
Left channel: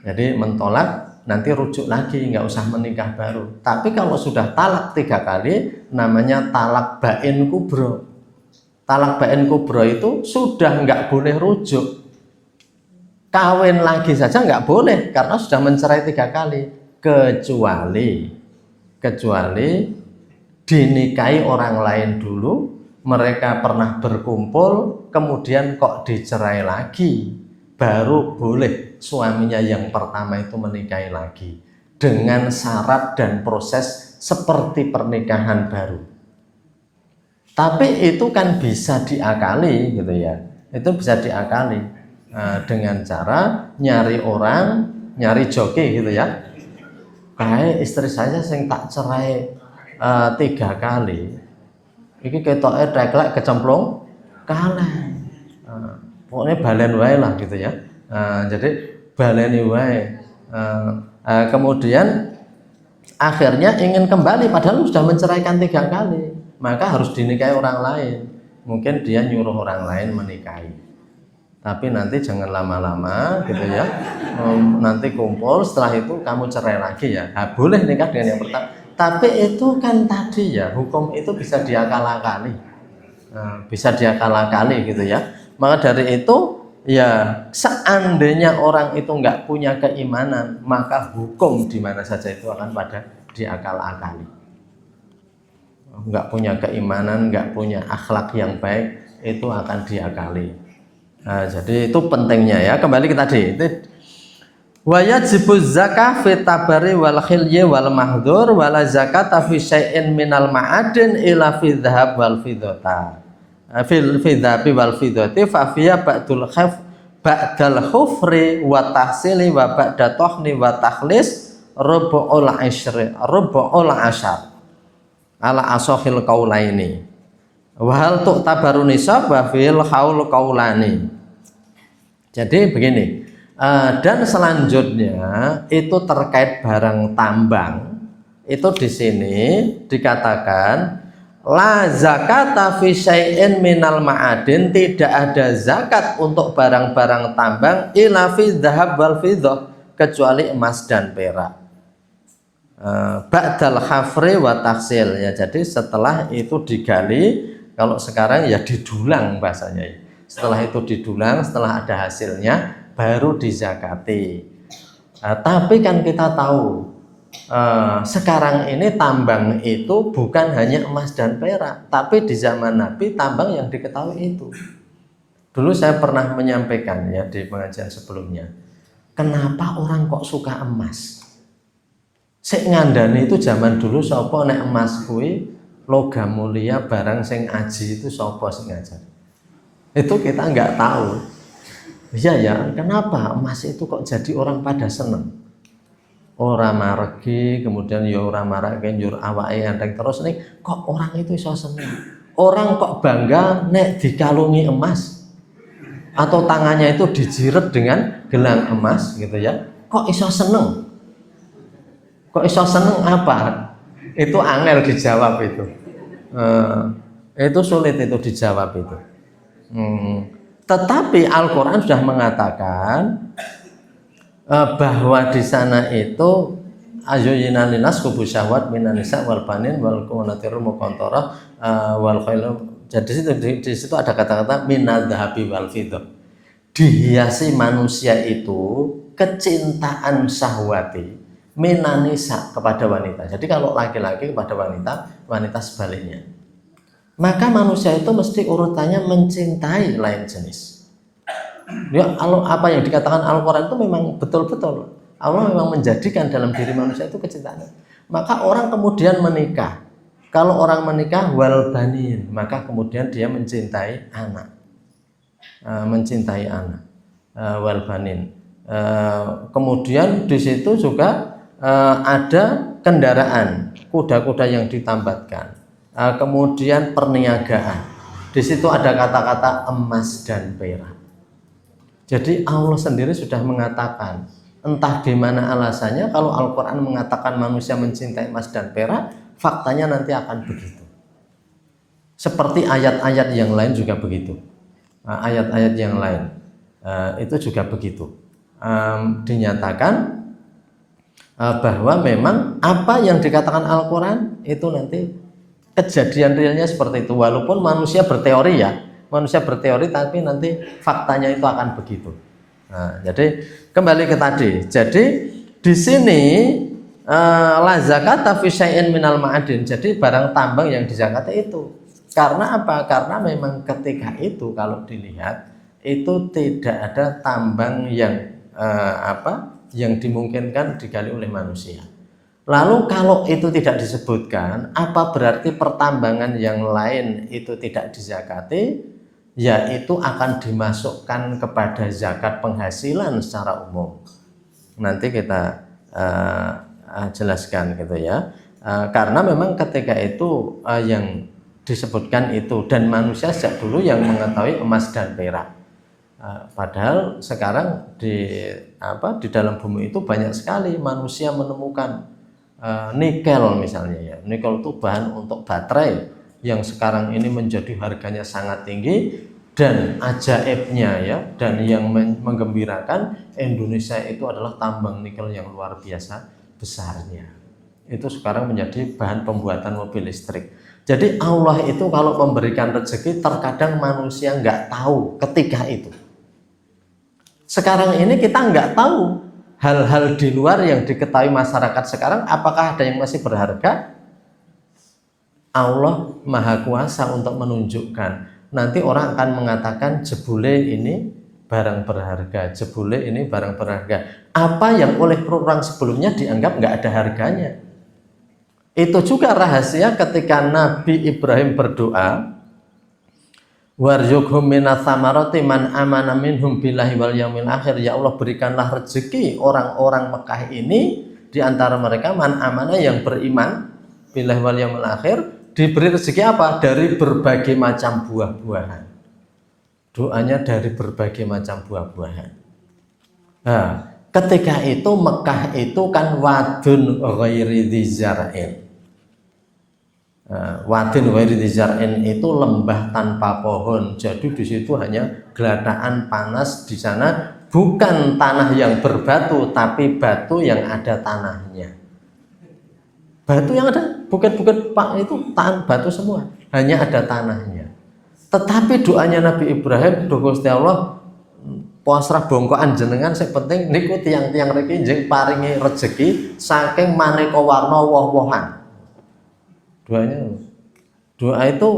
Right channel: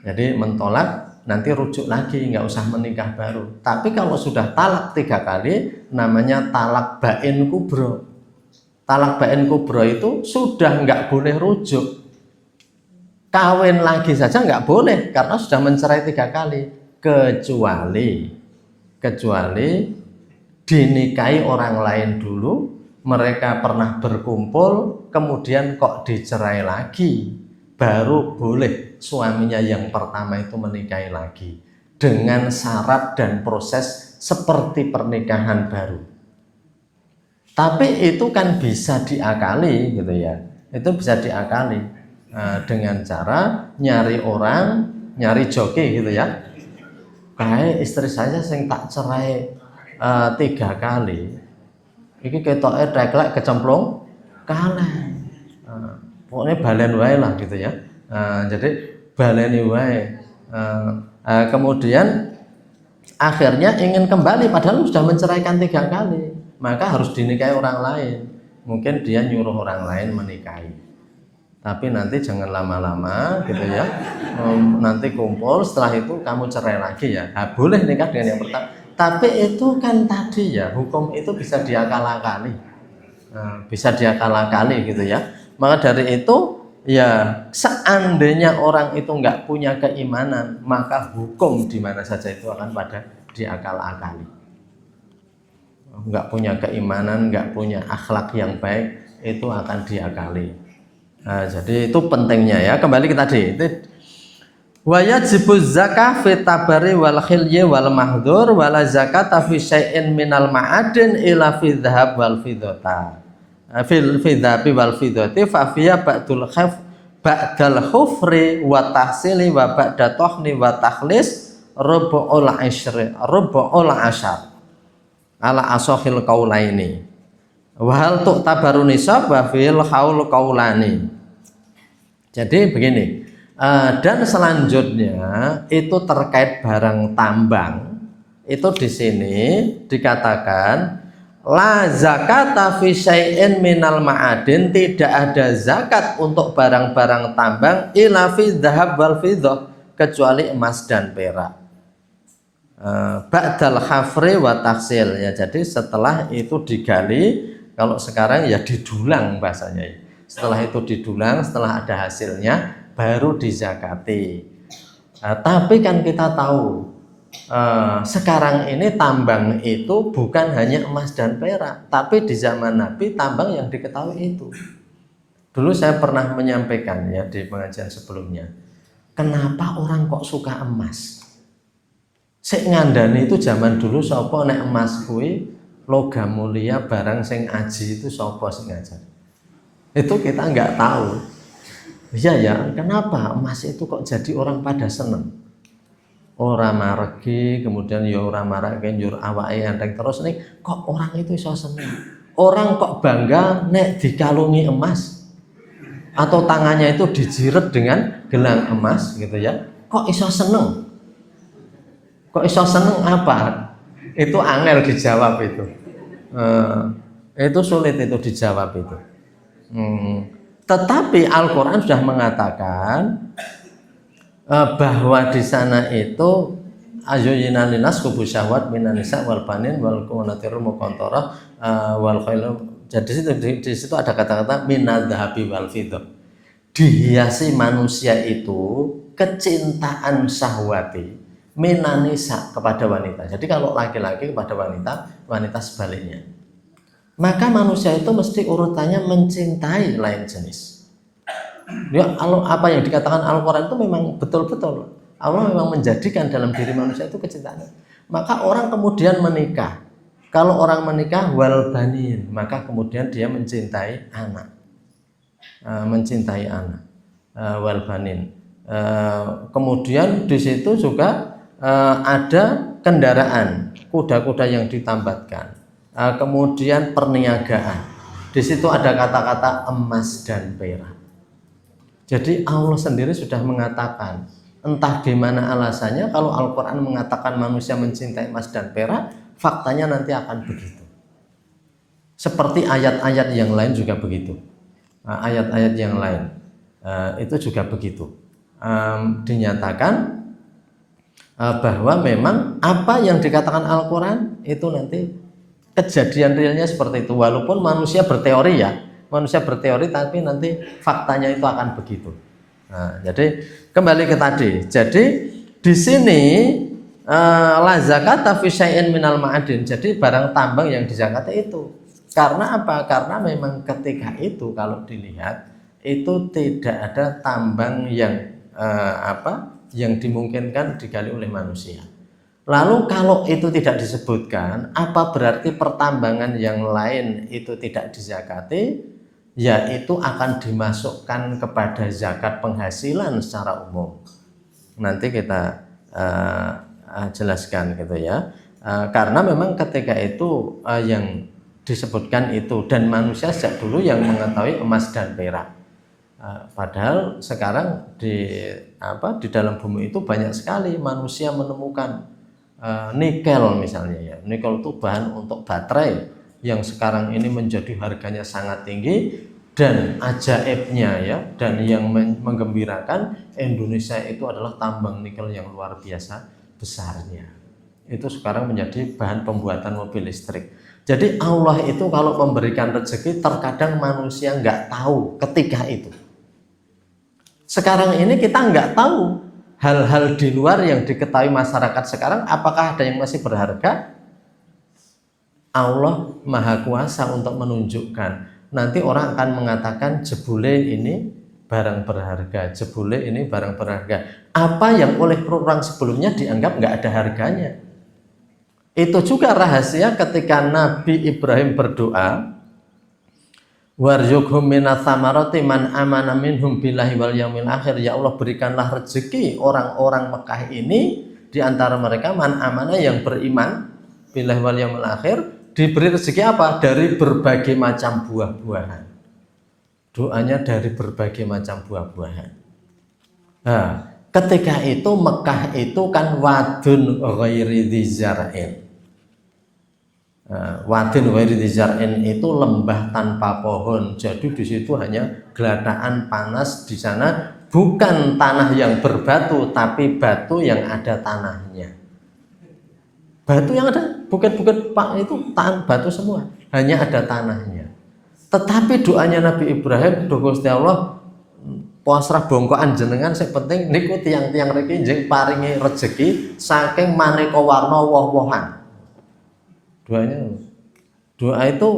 Jadi mentolak nanti rujuk lagi, nggak usah menikah baru. Tapi kalau sudah talak 3 kali, namanya talak bain kubro. Talak bain kubro itu sudah nggak boleh rujuk. Kawin lagi saja nggak boleh karena sudah mencerai 3 kali. Kecuali dinikahi orang lain dulu, mereka pernah berkumpul, kemudian kok dicerai lagi, baru boleh suaminya yang pertama itu menikahi lagi dengan syarat dan proses seperti pernikahan baru. Tapi itu kan bisa diakali gitu ya. Itu bisa diakali dengan cara nyari joki gitu ya. Kayak istri saya sing tak cerai 3 kali. Iki ketoke teklek kecemplung kaleng. Pokoknya balen wae lah gitu ya. Jadi baleni wae. Kemudian akhirnya ingin kembali padahal sudah menceraikan 3 kali, maka harus dinikahi orang lain. Mungkin dia nyuruh orang lain menikahi, tapi nanti jangan lama-lama gitu ya. Nanti kumpul, setelah itu kamu cerai lagi ya. Nah, boleh nikah dengan yang pertama, tapi itu kan tadi ya, hukum itu bisa diakal-akali, gitu ya. Maka dari itu ya, seandainya orang itu nggak punya keimanan, maka hukum di mana saja itu akan pada diakal-akali. Nggak punya keimanan, nggak punya akhlak yang baik, itu akan diakali. Nah, jadi itu pentingnya ya. Kembali ke tadi. Wa yajibu zakah fi tabari wal khilyi wal mahdur wala zakata fi syai'in minal ma'adin ila fi dhahab wal fiddata. Fil fidhabi wal fiddati fa fiya ba'dul khaf ba'dal khufri wa tahsili wa ba'da tohni wa takhlis rubu'ul asyar ala asohil qaulaini wa hal tu'tabaru nisab wa fil haul qaulani. Jadi begini, dan selanjutnya itu terkait barang tambang. Itu di sini dikatakan la zakata fi syai'in minal ma'adin, tidak ada zakat untuk barang-barang tambang ila fi dzahab wal fiddah, kecuali emas dan perak. Ba'dal khafri wa taksil, ya, jadi setelah itu digali, kalau sekarang ya didulang bahasanya. Setelah itu didulang, setelah ada hasilnya baru dizakati. Tapi kan kita tahu sekarang ini tambang itu bukan hanya emas dan perak, tapi di zaman Nabi tambang yang diketahui itu. Dulu saya pernah menyampaikan ya di pengajian sebelumnya, kenapa orang kok suka emas? Sik ngandani itu zaman dulu sapa nek emas kuwi logam mulia barang sing aji itu sapa sing ngajar. Itu kita nggak tahu. Iya ya, kenapa emas itu kok jadi orang pada seneng? Ora maregi, kemudian ya ora marake njur awake enteng terus nih, kok orang itu iso seneng? Orang kok bangga nek dikalungi emas atau tangannya itu dijiret dengan gelang emas gitu ya. Kok iso seneng? Kok iso seneng apa? Itu angel dijawab itu. Itu sulit itu dijawab itu. Tetapi Al-Quran sudah mengatakan bahwa di sana itu ayyuyina linas kubu syahwat minan nisa wal banin wal qanatirul muqantarah wal khailu. Jadi di situ ada kata-kata minadz dzahabi wal fiddah. Dihiasi manusia itu kecintaan syahwati minan nisa kepada wanita. Jadi kalau laki-laki kepada wanita, wanita sebaliknya. Maka manusia itu mesti urutannya mencintai lain jenis. Ya, apa yang dikatakan Al-Quran itu memang betul-betul. Allah memang menjadikan dalam diri manusia itu kecintaan. Maka orang kemudian menikah. Kalau orang menikah wal banin, maka kemudian dia mencintai anak. Mencintai anak. Wal banin. Kemudian di situ juga ada kendaraan, kuda-kuda yang ditambatkan. Kemudian perniagaan. Di situ ada kata-kata emas dan perak. Jadi Allah sendiri sudah mengatakan, entah gimana alasannya, kalau Al-Quran mengatakan manusia mencintai emas dan perak, faktanya nanti akan begitu. Seperti ayat-ayat yang lain juga begitu. Ayat-ayat yang lain itu juga begitu. Dinyatakan bahwa memang apa yang dikatakan Al-Quran itu nanti kejadian realnya seperti itu, walaupun manusia berteori ya, manusia berteori tapi nanti faktanya itu akan begitu. Nah, jadi kembali ke tadi. Jadi di sini la zakata fi syai'in minal ma'adin. Jadi barang tambang yang dizakati itu. Karena apa? Karena memang ketika itu kalau dilihat itu tidak ada tambang yang yang dimungkinkan digali oleh manusia. Lalu kalau itu tidak disebutkan, apa berarti pertambangan yang lain itu tidak dizakati? Yaitu akan dimasukkan kepada zakat penghasilan secara umum. Nanti kita jelaskan gitu ya. Karena memang ketika itu yang disebutkan itu, dan manusia sejak dulu yang mengetahui emas dan perak. Padahal sekarang di dalam bumi itu banyak sekali manusia menemukan nikel misalnya ya. Nikel itu bahan untuk baterai yang sekarang ini menjadi harganya sangat tinggi, dan ajaibnya ya, dan yang menggembirakan, Indonesia itu adalah tambang nikel yang luar biasa besarnya. Itu sekarang menjadi bahan pembuatan mobil listrik. Jadi Allah itu kalau memberikan rezeki terkadang manusia nggak tahu ketika itu. Sekarang ini kita nggak tahu hal-hal di luar yang diketahui masyarakat sekarang, apakah ada yang masih berharga? Allah Maha Kuasa untuk menunjukkan. Nanti orang akan mengatakan jebule ini barang berharga, jebule ini barang berharga. Apa yang oleh orang sebelumnya dianggap nggak ada harganya. Itu juga rahasia ketika Nabi Ibrahim berdoa, warzuqhum minas samarati man amana minhum billahi wal yaumil akhir. Ya Allah, berikanlah rezeki orang-orang Mekah ini di antara mereka man amana yang beriman billahi wal yaumil akhir, diberi rezeki apa? Dari berbagai macam buah-buahan. Doanya dari berbagai macam buah-buahan. Nah, ketika itu Mekah itu kan wadun ghairi dzar'in. Wadun ghairi dzar'in itu lembah tanpa pohon. Jadi di situ hanya gelataan panas di sana, bukan tanah yang berbatu tapi batu yang ada tanahnya. Batu yang ada bukit-bukit Pak itu batu semua, hanya ada tanahnya. Tetapi doanya Nabi Ibrahim, Gusti Allah, pasrah bongkoan jenengan sing penting niku tiang-tiang riki njing paringi rezeki saking maneka warna woh-wohan. Doa itu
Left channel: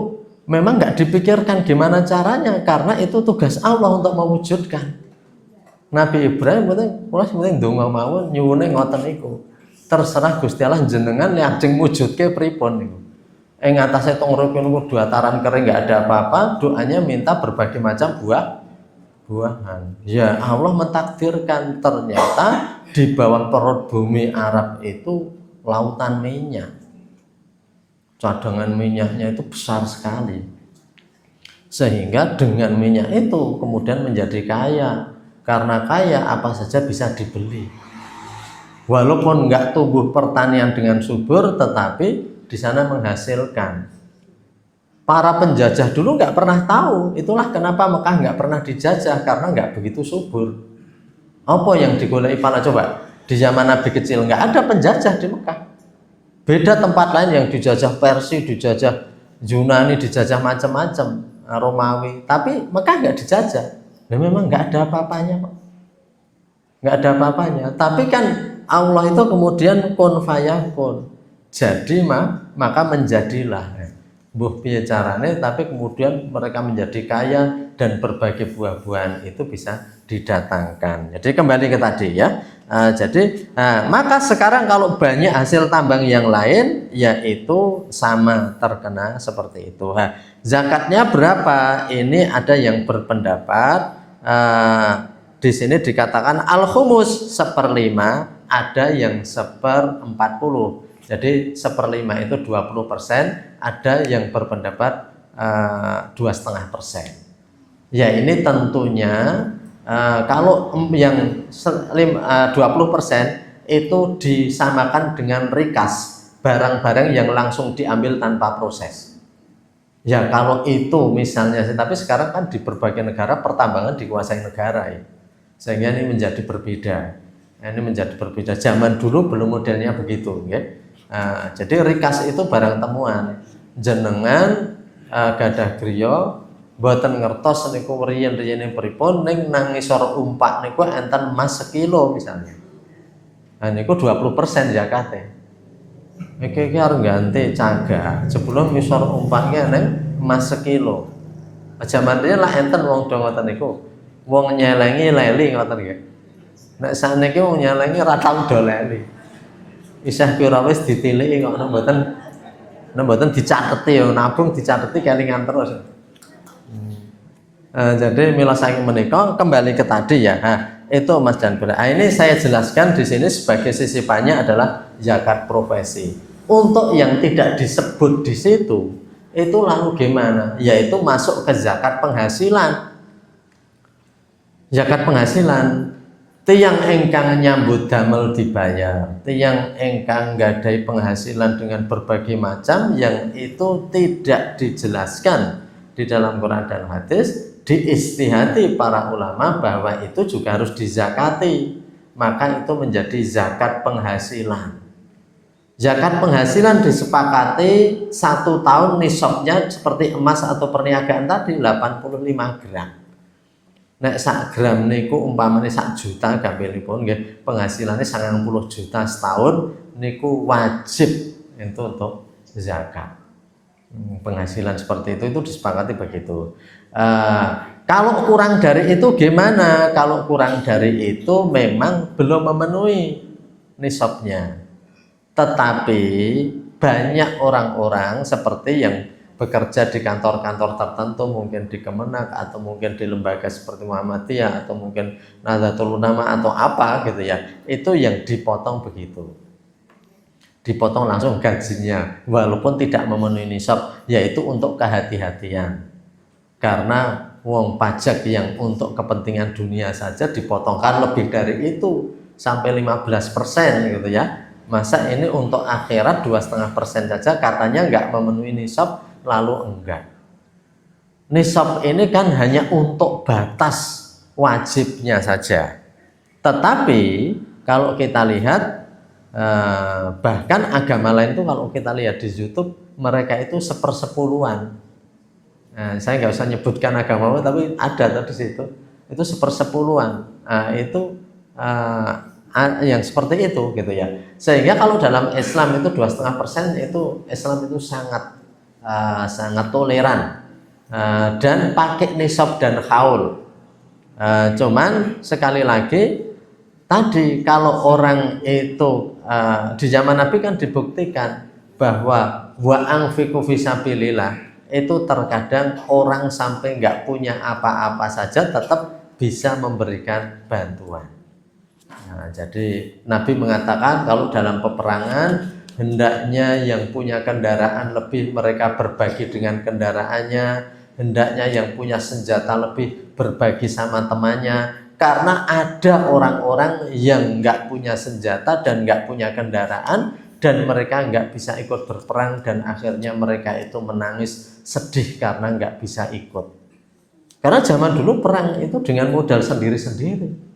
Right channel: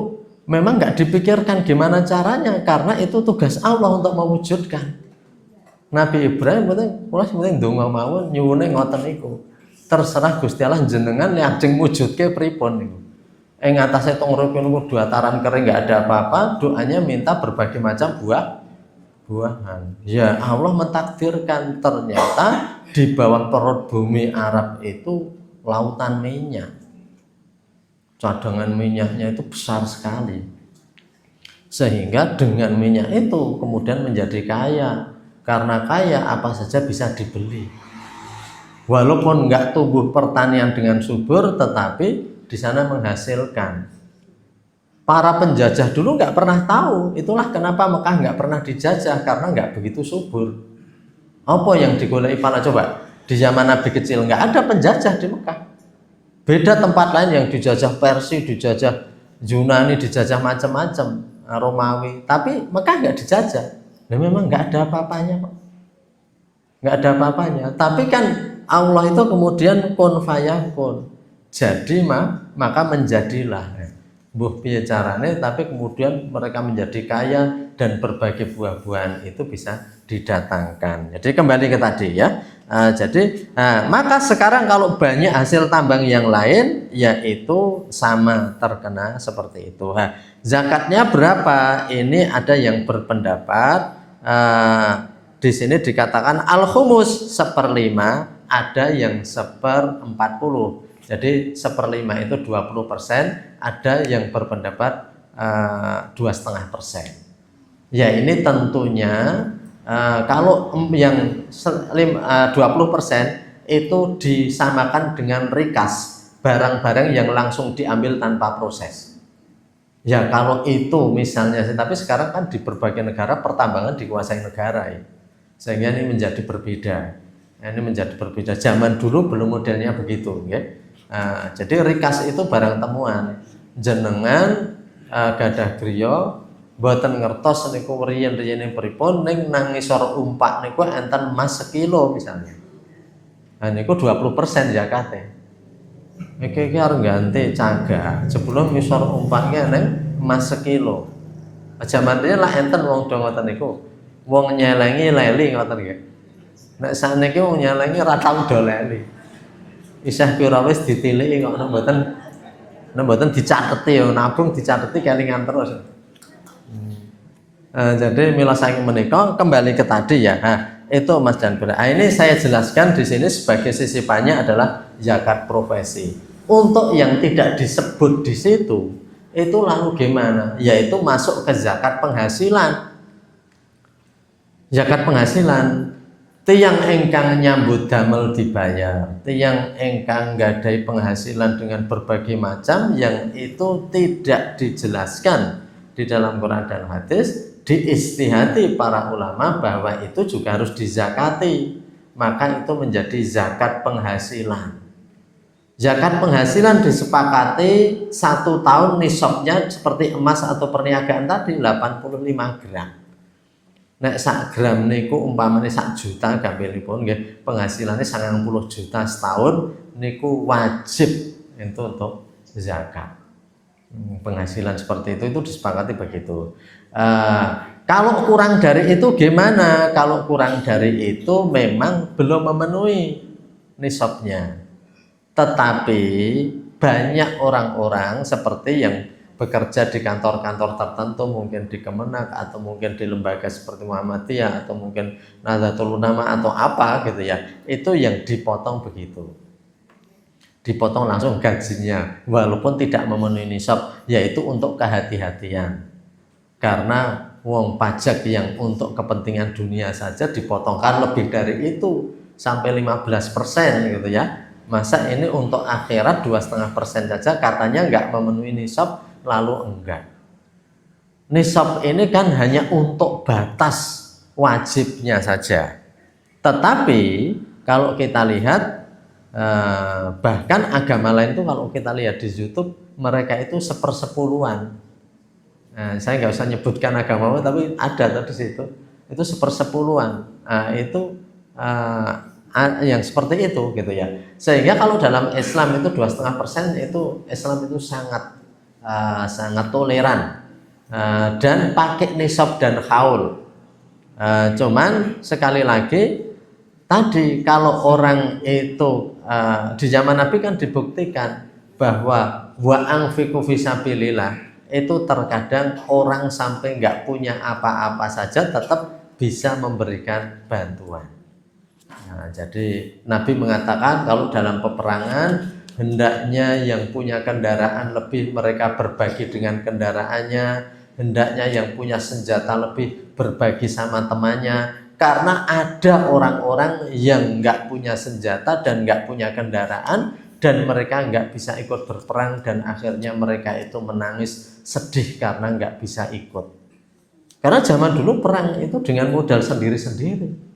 memang nggak dipikirkan gimana caranya, karena itu tugas Allah untuk mewujudkan. Nabi Ibrahim penting donga mawon nyuwune ngoten niku. Terserah Gusti Allah jenengan lajeng mujudke pripun niku. Ing atase tong riki niku dataran kering nggak ada apa-apa, doanya minta berbagai macam buahan. Ya Allah mentakdirkan ternyata di bawah perut bumi Arab itu lautan minyak. Cadangan minyaknya itu besar sekali. Sehingga dengan minyak itu kemudian menjadi kaya. Karena kaya apa saja bisa dibeli. Walaupun nggak tumbuh pertanian dengan subur, tetapi di sana menghasilkan. Para penjajah dulu nggak pernah tahu, itulah kenapa Mekah nggak pernah dijajah, karena nggak begitu subur. Apa yang digoleki para coba? Di zaman Nabi kecil nggak ada penjajah di Mekah. Beda tempat lain yang dijajah Persia, dijajah Yunani, dijajah macam-macam, Romawi. Tapi Mekah nggak dijajah. Ya memang nggak ada apa-apanya, Pak. Nggak ada apa-apanya. Tapi kan Allah itu kemudian kun fayakun. Jadi maka menjadilah. Mbuh piye carane, tapi kemudian mereka menjadi kaya dan berbagai buah-buahan itu bisa didatangkan. Jadi kembali ke tadi ya. Maka sekarang kalau banyak hasil tambang yang lain, yaitu sama terkena seperti itu. Zakatnya berapa? Ini ada yang berpendapat di sini dikatakan al-khumus 1/5, ada yang 1/40. Jadi 1/5 itu 20%, ada yang berpendapat 2,5%. Ya ini tentunya kalau yang 20% itu disamakan dengan rikas, barang-barang yang langsung diambil tanpa proses. Ya kalau itu misalnya, tapi sekarang kan di berbagai negara pertambangan dikuasai negara ya. Sehingga ini menjadi berbeda. Zaman dulu belum modelnya begitu ya. Jadi rikas itu barang temuan. Jenengan gadah griya mboten ngertos niku riyen-riyene pripun, ning nang ngisor umpak niku enten emas sekilo misalnya. Niku 20% zakate. Iki arep ganti cagak sebelum ngisor umpaknya ning emas sekilo. Jaman riyen lah enten wong do ngoten niku. Wong nyelengi leli ngoten nggih. Nek sakniki wong nyelengi ra tau do leli. Isih pira wis ditiliki kok mboten dicateti ya, nabung dicateti kelingan terus. Jadi mila saking menika kembali ke tadi ya. Itu Mas dan Bunda. Ini saya jelaskan di sini sebagai sisipannya adalah zakat profesi. Untuk yang tidak disebut di situ, itu lalu gimana? Yaitu masuk ke zakat penghasilan. Zakat penghasilan. Tiang engkang nyambut damel dibayar, tiang engkang gadai penghasilan dengan berbagai macam yang itu tidak dijelaskan di dalam Quran dan hadis, diistihati para ulama bahwa itu juga harus dizakati, maka itu menjadi zakat penghasilan. Zakat penghasilan disepakati 1 tahun nisabnya seperti emas atau perniagaan tadi 85 gram. Nek sak gram niku umpamane 1 juta gampilipun nggih, penghasilannya 90 juta setahun niku wajib itu untuk zakat. Penghasilan seperti itu disepakati begitu. Kalau kurang dari itu gimana? Kalau kurang dari itu memang belum memenuhi nisabnya. Tetapi banyak orang-orang seperti yang bekerja di kantor-kantor tertentu, mungkin di Kemenak atau mungkin di lembaga seperti Muhammadiyah atau mungkin Nahdlatul Ulama atau apa gitu ya, itu yang dipotong begitu, dipotong langsung gajinya walaupun tidak memenuhi nisab, yaitu untuk kehati-hatian. Karena wong pajak yang untuk kepentingan dunia saja dipotongkan lebih dari itu sampai 15% gitu ya. Masa ini untuk akhirat 2,5% saja katanya nggak memenuhi nisab, lalu enggak. Nisab ini kan hanya untuk batas wajibnya saja. Tetapi kalau kita lihat bahkan agama lain itu kalau kita lihat di YouTube mereka itu sepersepuluhan. Saya nggak usah nyebutkan agama tapi ada di situ itu sepersepuluhan. Itu yang seperti itu gitu ya. Sehingga kalau dalam Islam itu 2,5% itu Islam itu sangat toleran dan pakai nisab dan haul. Cuman sekali lagi tadi kalau orang itu di zaman Nabi kan dibuktikan bahwa wa anfiqu fisabilillah itu terkadang orang sampai nggak punya apa-apa saja tetap bisa memberikan bantuan. Jadi Nabi mengatakan kalau dalam peperangan hendaknya yang punya kendaraan lebih mereka berbagi dengan kendaraannya, hendaknya yang punya senjata lebih berbagi sama temannya, karena ada orang-orang yang nggak punya senjata dan nggak punya kendaraan dan mereka nggak bisa ikut berperang dan akhirnya mereka itu menangis sedih karena nggak bisa ikut. Karena zaman dulu perang itu dengan modal sendiri-sendiri.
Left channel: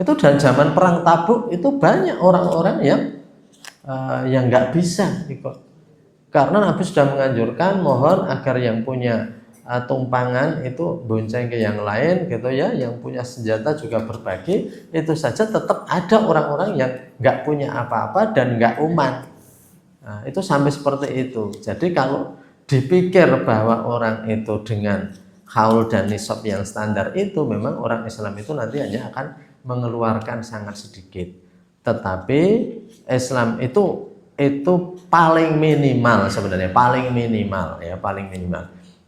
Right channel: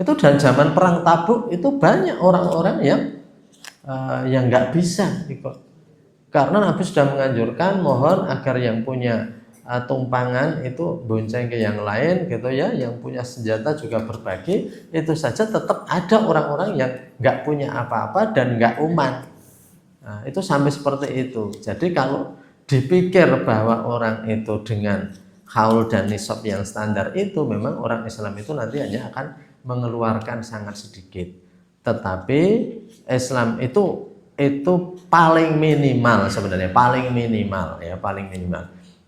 Itu dan zaman perang Tabuk itu banyak orang-orang yang nggak bisa ikut. Karena Nabi sudah menganjurkan mohon agar yang punya tumpangan itu bonceng ke yang lain gitu ya, yang punya senjata juga berbagi. Itu saja tetap ada orang-orang yang nggak punya apa-apa dan nggak umat. Itu sampai seperti itu. Jadi kalau dipikir bahwa orang itu dengan haul dan nisab yang standar itu memang orang Islam itu nanti hanya akan mengeluarkan sangat sedikit. Tetapi Islam itu paling minimal sebenarnya, paling minimal.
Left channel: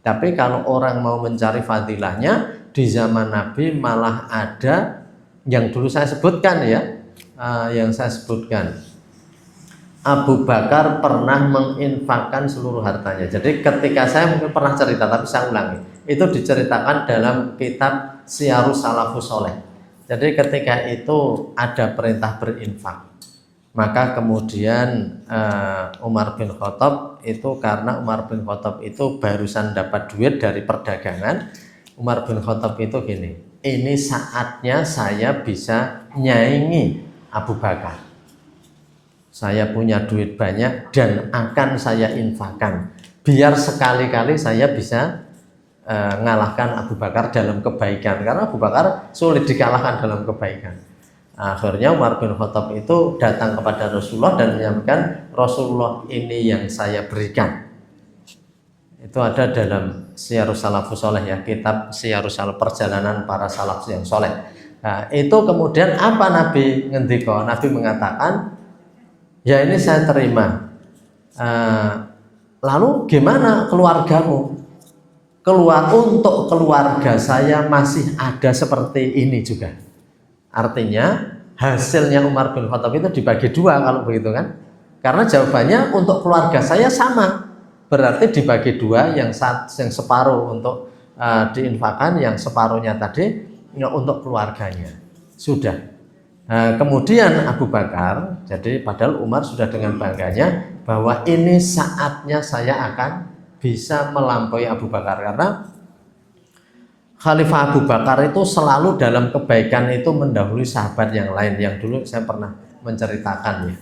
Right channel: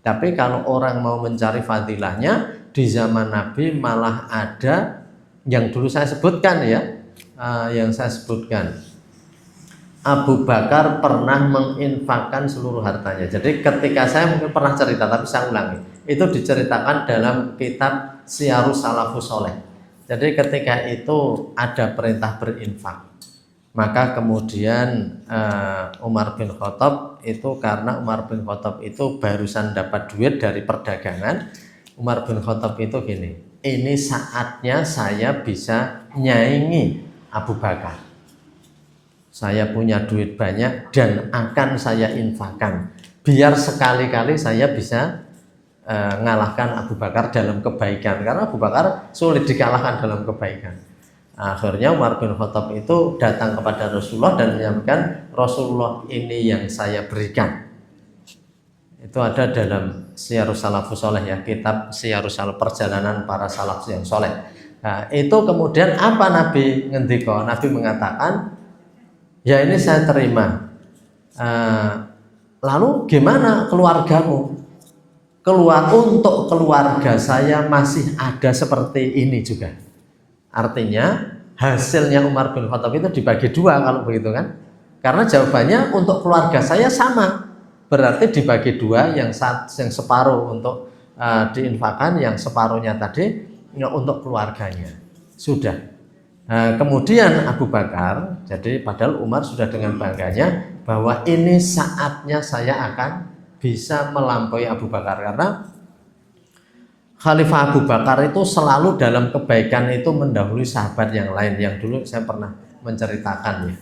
Tapi kalau orang mau mencari fadilahnya di zaman Nabi malah ada yang dulu saya sebutkan Abu Bakar pernah menginfakkan seluruh hartanya. Jadi ketika saya mungkin pernah cerita tapi saya ulangi, itu diceritakan dalam kitab Syiarus Salafus Sholeh. Jadi ketika itu ada perintah berinfak, maka kemudian Umar bin Khattab itu karena Umar bin Khattab itu barusan dapat duit dari perdagangan, Umar bin Khattab itu gini, ini saatnya saya bisa nyaingi Abu Bakar. Saya punya duit banyak dan akan saya infakkan, biar sekali-kali saya bisa ngalahkan Abu Bakar dalam kebaikan, karena Abu Bakar sulit dikalahkan dalam kebaikan. Akhirnya Umar bin Khattab itu datang kepada Rasulullah dan menyampaikan, Rasulullah ini yang saya berikan. Itu ada dalam Syiarus Salafus Sholeh ya, kitab Syiarus Salaf, perjalanan para salaf yang soleh. Itu kemudian apa Nabi ngendika? Nabi mengatakan, ya ini saya terima. Lalu gimana keluargamu? Untuk keluarga saya masih ada seperti ini juga. Artinya hasilnya Umar bin Khattab itu dibagi dua kalau begitu kan. Karena jawabannya untuk keluarga saya sama. Berarti dibagi dua, yang separuh untuk diinfakkan, yang separuhnya tadi untuk keluarganya. Sudah. Kemudian Abu Bakar, jadi padahal Umar sudah dengan bangganya bahwa ini saatnya saya akan bisa melampaui Abu Bakar, karena Khalifah Abu Bakar itu selalu dalam kebaikan itu mendahului sahabat yang lain, yang dulu saya pernah menceritakannya.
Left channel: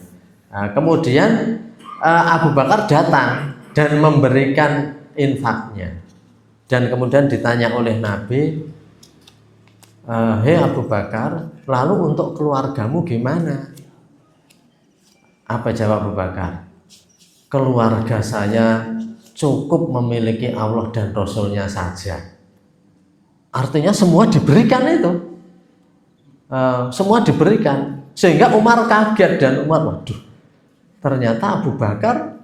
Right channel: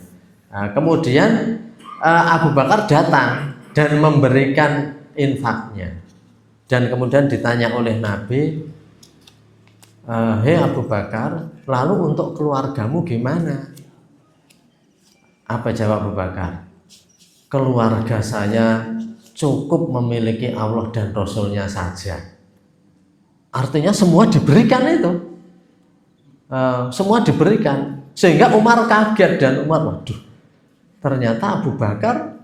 Kemudian Abu Bakar datang dan memberikan infaknya, dan kemudian ditanya oleh Nabi, hei Abu Bakar, lalu untuk keluargamu gimana? Apa jawab Abu Bakar? Keluarga saya cukup memiliki Allah dan Rasulnya saja. Artinya semua diberikan itu, semua diberikan, sehingga Umar kaget dan Umar, waduh, ternyata Abu Bakar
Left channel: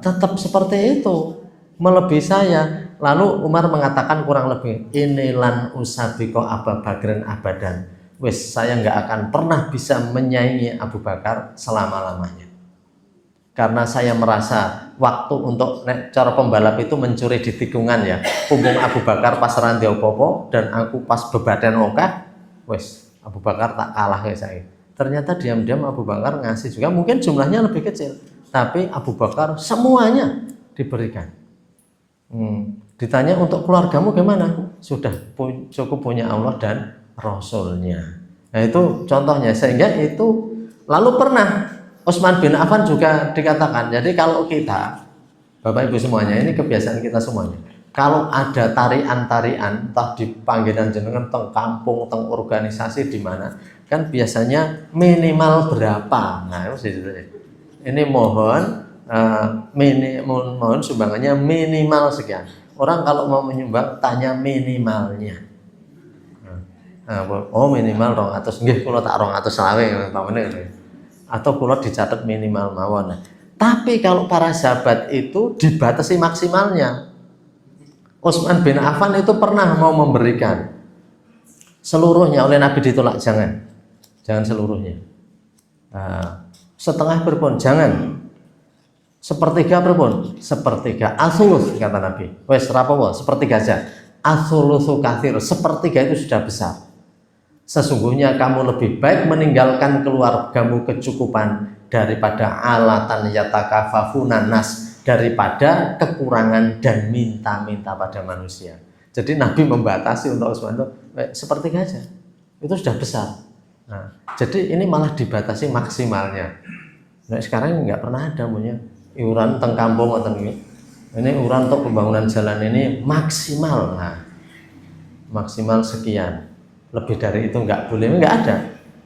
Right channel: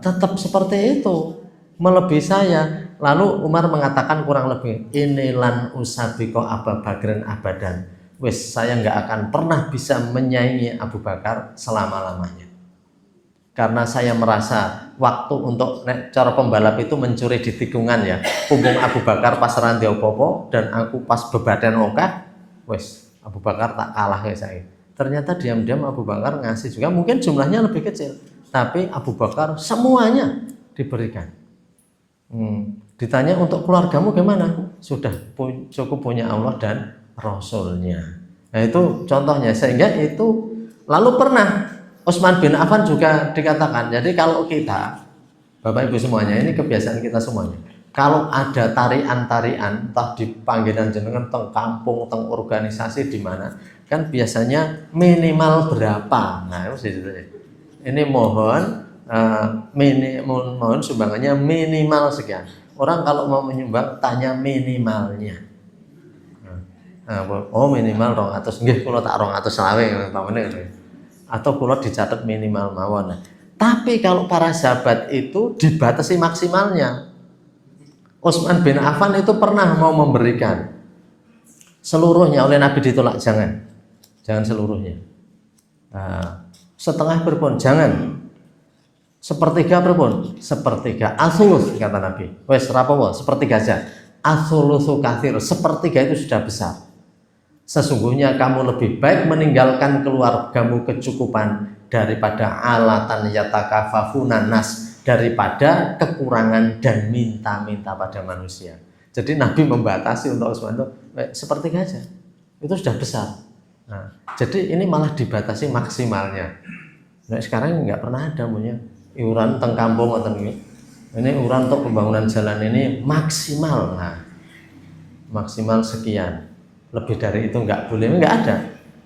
tetap seperti itu. melebihi saya. Lalu Umar mengatakan kurang lebih, inilan usabiko Abu Bakrin abadan. Wes, saya nggak akan pernah bisa menyaingi Abu Bakar selama-lamanya. Karena saya merasa waktu untuk cara pembalap itu mencuri di tikungan ya. Punggung Abu Bakar pas rantai opo dan aku pas bebadan oka, wes Abu Bakar tak kalah kayak saya. Ternyata diam-diam Abu Bakar ngasih juga, mungkin jumlahnya lebih kecil, tapi Abu Bakar semuanya diberikan. Ditanya untuk keluargamu gimana? Sudah cukup punya Allah dan Rasulnya. Nah itu contohnya, sehingga itu lalu pernah Utsman bin Affan juga dikatakan. Jadi kalau kita, Bapak Ibu semuanya, ini kebiasaan kita semuanya. Kalau ada tarian-tarian, entah di panggilan jenengan, teng kampung, teng organisasi di mana, kan biasanya minimal berapa. Nah itu ini mohon mohon sumbangannya minimal sekian. Orang kalau mau menyumbang tanya minimalnya. Oh minimal 200, nggih kula tak 220 umpamane. Atau kula dicatat minimal mawon. Tapi kalau para sahabat itu dibatasi maksimalnya. Utsman bin Affan itu pernah mau memberikan seluruhnya, oleh Nabi ditolak, jangan seluruhnya. Setengah berpun, jangan. Sepertiga berpun, sepertiga. Asulus kata Nabi. Wes rapopo, sepertiga aja. Asulusu kathir, sepertiga itu sudah besar. Sesungguhnya kamu lebih baik meninggalkan keluargamu kecukupan daripada alatan yatakafafuna nas, daripada kekurangan dan minta-minta pada manusia. Jadi Nabi membatasi untuk Utsman itu sepertiga aja. Itu sudah besar. Nah, jadi ini malah dibatasi maksimalnya. Nah, sekarang nggak pernah ada punya iuran teng kampung atau ini iuran untuk pembangunan jalan ini maksimal. Nah, maksimal sekian. Lebih dari itu nggak boleh, nggak ada.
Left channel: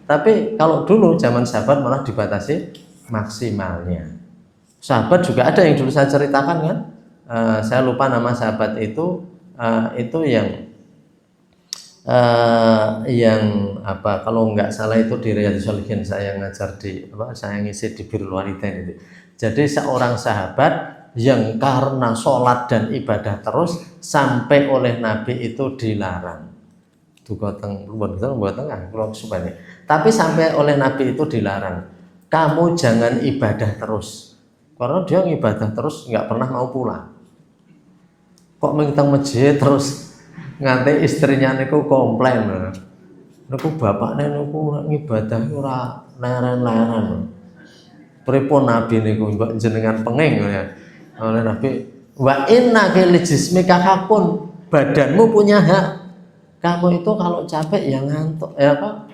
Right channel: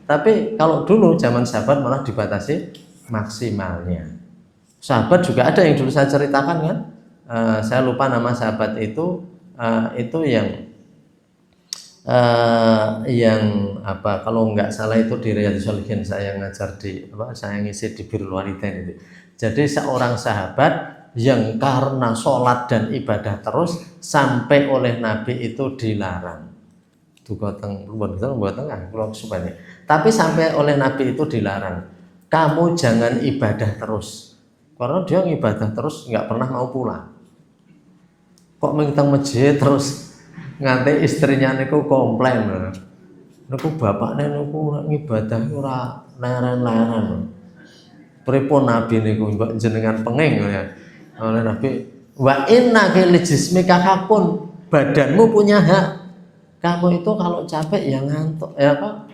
Tapi kalau dulu zaman sahabat malah dibatasi maksimalnya. Sahabat juga ada yang dulu saya ceritakan kan, saya lupa nama sahabat itu yang apa, kalau nggak salah itu di Riyadhus Shalihin saya ngajar saya ngisi di Birrul Walidain itu. Jadi seorang sahabat yang karena sholat dan ibadah terus sampai oleh Nabi itu dilarang. Tapi sampai oleh Nabi itu dilarang. Kamu jangan ibadah terus. Karena dia ibadah terus nggak pernah mau pulang. Kok mengitang masjid terus nganti istrinya niku komplain. Niku bapaknya niku ibadah ora leren-leren. Pripun Nabi niku mbok jenengan penging ya. Oleh Nabi, wa inna li jismika hakun, badanmu punya hak. Kamu itu kalau capek ya ngantuk,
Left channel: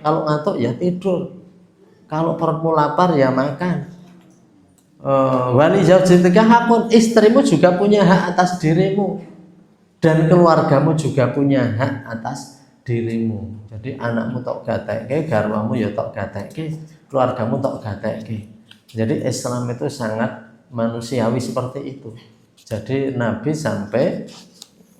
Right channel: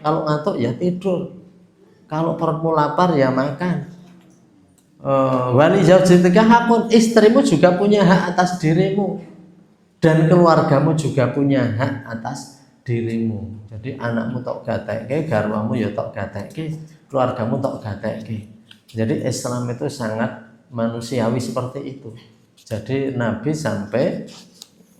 kalau ngantuk ya tidur. Kalau perutmu lapar ya makan. Wali zaujatika hakun, istrimu juga punya hak atas dirimu. Dan keluargamu juga punya hak atas dirimu. Jadi anakmu tok gatekke, garwamu ya tok gatekke, keluargamu tok gatekke. Jadi Islam itu sangat manusiawi seperti itu. Jadi Nabi sampai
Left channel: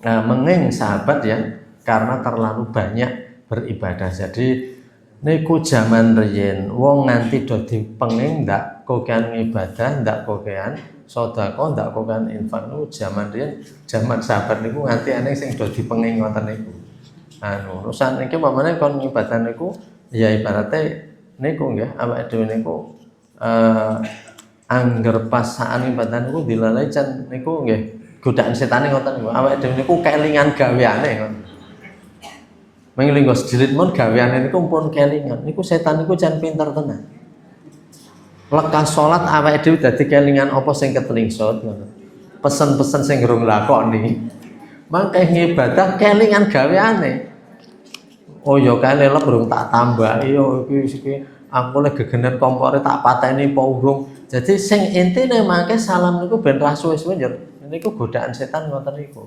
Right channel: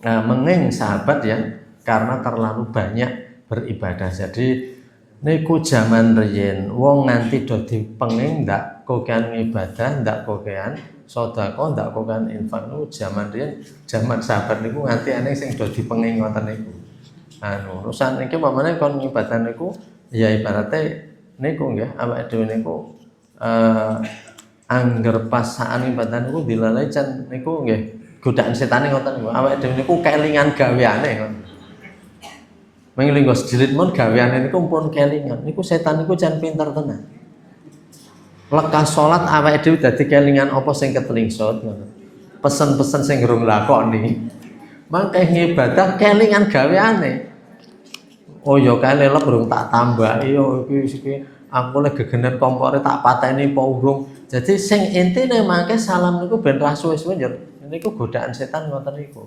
menging sahabat ya, karena terlalu banyak beribadah. Jadi niku zaman riyen wong nanti do dipenging ndak kokean ibadah, ndak kokean sedekah, ndak kokean infak. Niku zaman riyen, zaman sahabat niku nganti ane sing do dipenging ngoten niku. Urusan niki pamane kon ibadah niku ya ibarate niku nggih awake dhewe niku angger pas saan ibadah niku dilalai jan niku nggih godaan setane ngoten niku. Awake dhewe niku kelingan gaweane ngoten. Menglinggo jilid mon gaweane niku pun kelingan. Niku setan niku jan pinter tenan. Lekas salat awake dhewe dadi kelingan apa sing ketelingsut ngono. Pesen-pesen sing durung lakoni. Mangke ngibadah kelingan gaweane. Oh ya kene lek durung tak tambaki yo iki aku lek gegenen kompore tak pateni apa urung. Jadi sing intine mangke salam niku ben ra suwe-suwe njer. Niku godaan setan ngoten niku.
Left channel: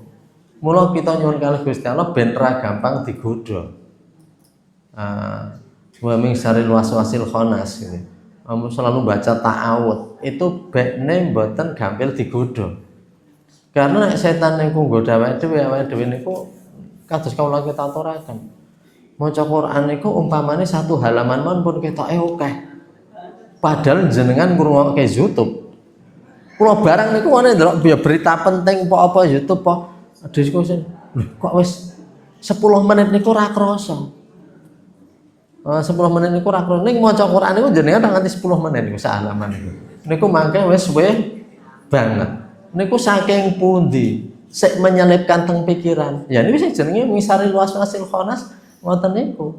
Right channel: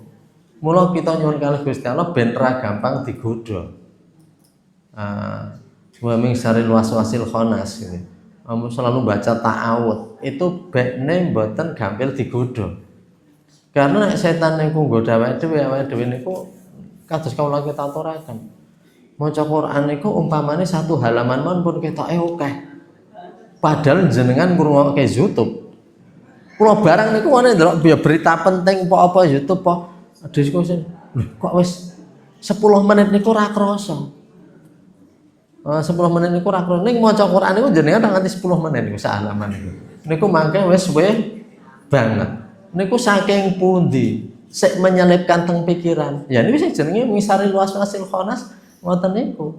Mula kita nyuwun kalih Gusti Allah ben ra gampang digodha. Wa min syarril waswasil khannas ini. Kamu selalu baca ta'awud. Itu bekne mboten gampil digodha. Karena setan niku nggodha awake dhewe niku kados kawula kita aturaken. Maca Quran niku umpamane satu halaman pun ketoke akeh. Padahal jenengan ngrungokke YouTube. Kula barang niku ana ndelok berita penting apa YouTube diskusi. Kok wis 10 menit niku ora krasa. 10 menit niku ora krasa. Ning maca Quran niku jenengan nganti 10 menit niku sak halaman niku. Niku mangke wis suwe banget. Niku saking pundi sik menyelipkan teng pikiran. Ya niku sing jenenge misari waswasil khanas ngoten niku.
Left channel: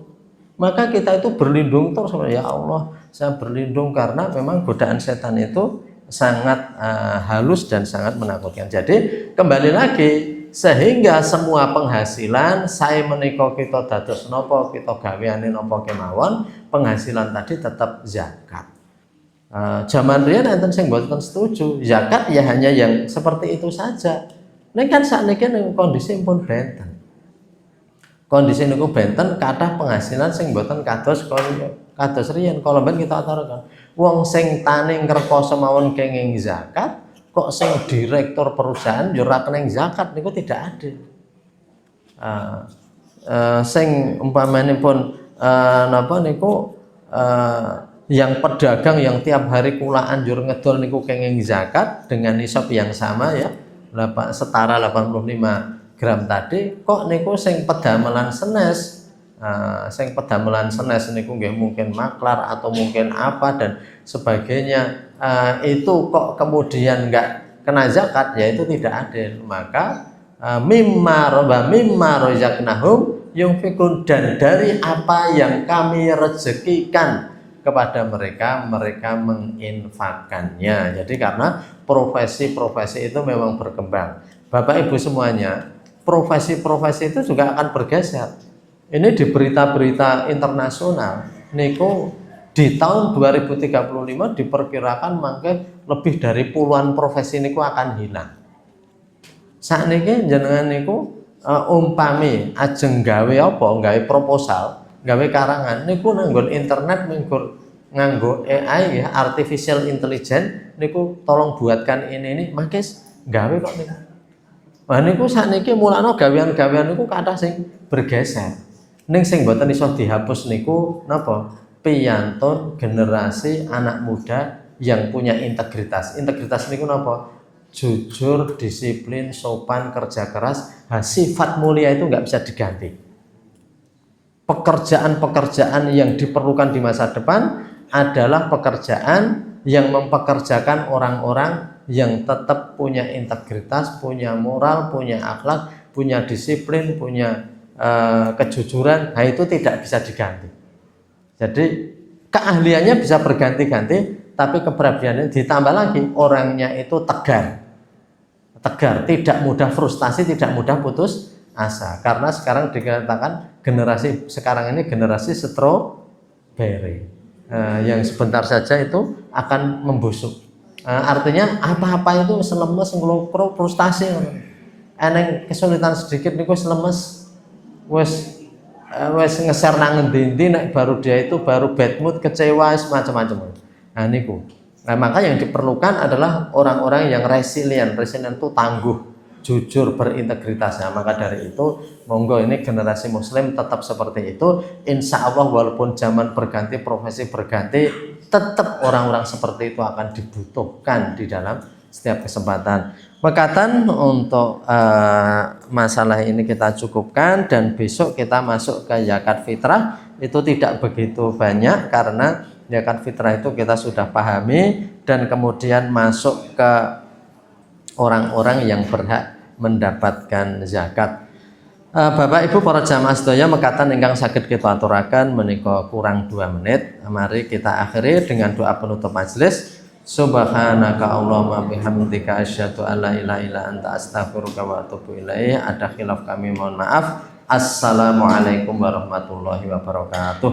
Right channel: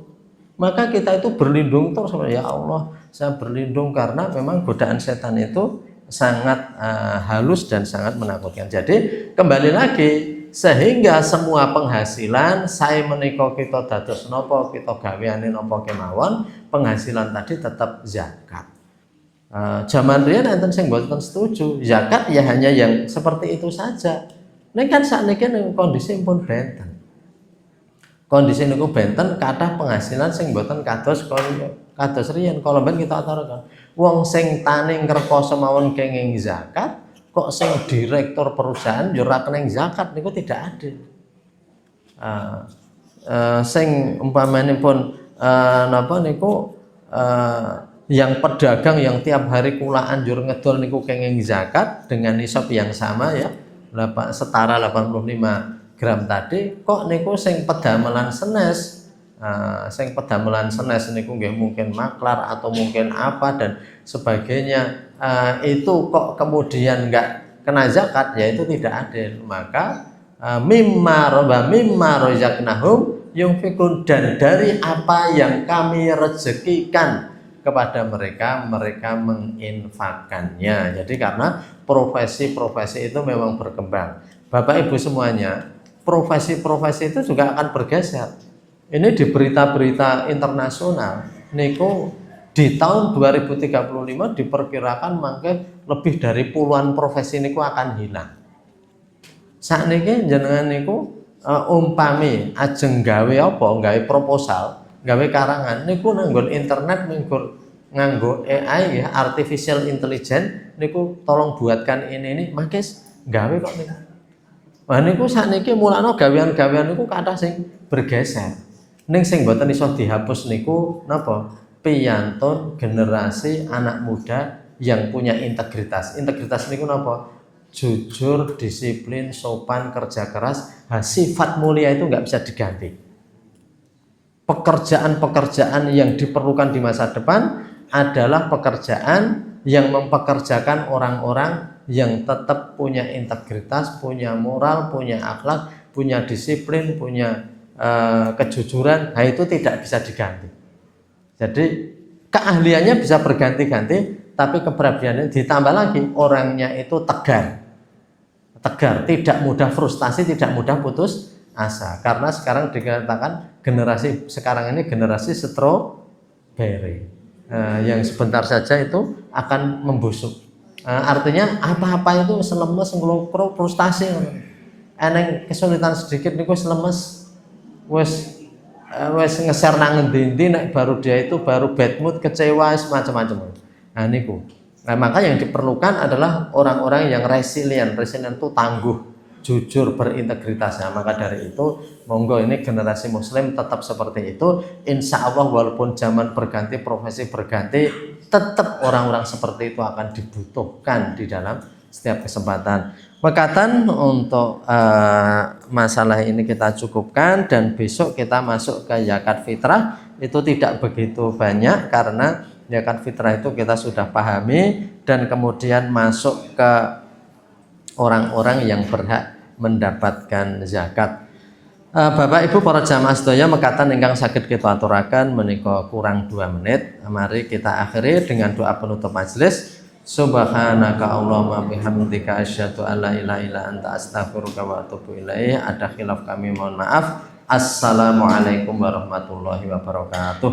Maka kita itu berlindung terus, ya Allah, saya berlindung karena memang godaan setan itu sangat halus dan sangat menakutkan. Jadi kembali lagi, sehingga semua penghasilan saya menika kita dados napa kita gaweane napa kemawon, penghasilan tadi tetap zakat. Zaman riyen enten sing mboten setuju, zakat ya hanya yang seperti itu saja. Ning kan sakniki ning kondisi pun benten. Kondisi niku benten kathah penghasilan sing mboten kados riyen. Kalau ben kita aturaken wong sing tani ngrekoso mawon kenging zakat kok sing direktur perusahaan yo ora keneng zakat niku tidak adil. Sing umpamanipun napa niku yang pedagang yang tiap hari kula anjur ngedol niku kenging zakat dengan nisab yang sama ya setara 85 gram tadi kok niku sing pedamelan senes niku nggih mungkin maklar atau mungkin apa dan sebagainya itu kok kemudian enggak kena zakat ya itu tidak adil. Maka mimma razaqnahum yunfikun, dan dari apa yang kami rezekikan kepada mereka menginfakkannya. Jadi karena profesi-profesi itu memang berkembang. Bapak Ibu semuanya, profesi-profesi itu juga akan bergeser. Ini di berita-berita internasional niku di tahun 2035 diperkirakan mangke lebih dari puluhan profesi niku akan hilang. Sakniki jenengan niku umpami ajeng gawe apa, gawe proposal, gawe karangan niku nganggo internet nganggo AI ya, artificial intelligence niku tolong buatkan ini mangke gawe kok niku. Wah niku sakniki mulane gawean-gawean niku kathah sing bergeser. Ning sing mboten iso dihapus niku napa? Piyantun generasi anak muda yang punya integritas. Integritas niku napa? Jujur, disiplin, sopan, kerja keras. Sifat mulia itu enggak bisa diganti. Pekerjaan-pekerjaan yang diperlukan di masa depan adalah pekerjaan yang mempekerjakan orang-orang yang tetap punya integritas, punya moral, punya akhlak, punya disiplin, punya kejujuran. Nah itu tidak bisa diganti. Jadi keahliannya bisa berganti-ganti, tapi keberaniannya ditambah lagi orangnya itu tegar, tidak mudah frustasi, tidak mudah putus asa. Karena sekarang dikatakan generasi sekarang ini generasi strawberry, yang sebentar saja itu akan membusuk. Artinya apa-apa itu selemes ngelupro frustasi, eneng kesulitan sedikit niku selemes wes ngeser nang endi nek baru dia itu baru bad mood, kecewa, semacam-macam. Nah niku. Nah, maka yang diperlukan adalah orang-orang yang resilient itu tangguh, jujur, berintegritas. Nah, maka dari itu monggo ini generasi muslim tetap seperti itu. Insya Allah walaupun zaman berganti, profesi berganti, tetap orang-orang seperti itu akan dibutuhkan di dalam setiap kesempatan. Mekatan untuk masalah ini kita cukupkan, dan besok kita masuk ke zakat fitrah. Itu tidak begitu banyak karena zakat fitrah itu kita sudah pahami, dan kemudian masuk ke orang-orang yang berhak mendapatkan zakat. Bapak Ibu para jamaah sedaya, mekatan ingkang saged kita aturaken menika kurang 2 menit. Mari kita akhiri dengan doa penutup majelis. Subhanaka Allahumma bihamdika asyhadu an la ilaha illa anta astaghfiruka wa atubu ilaik. Ada khilaf kami mohon maaf. Assalamualaikum warahmatullahi wabarakatuh.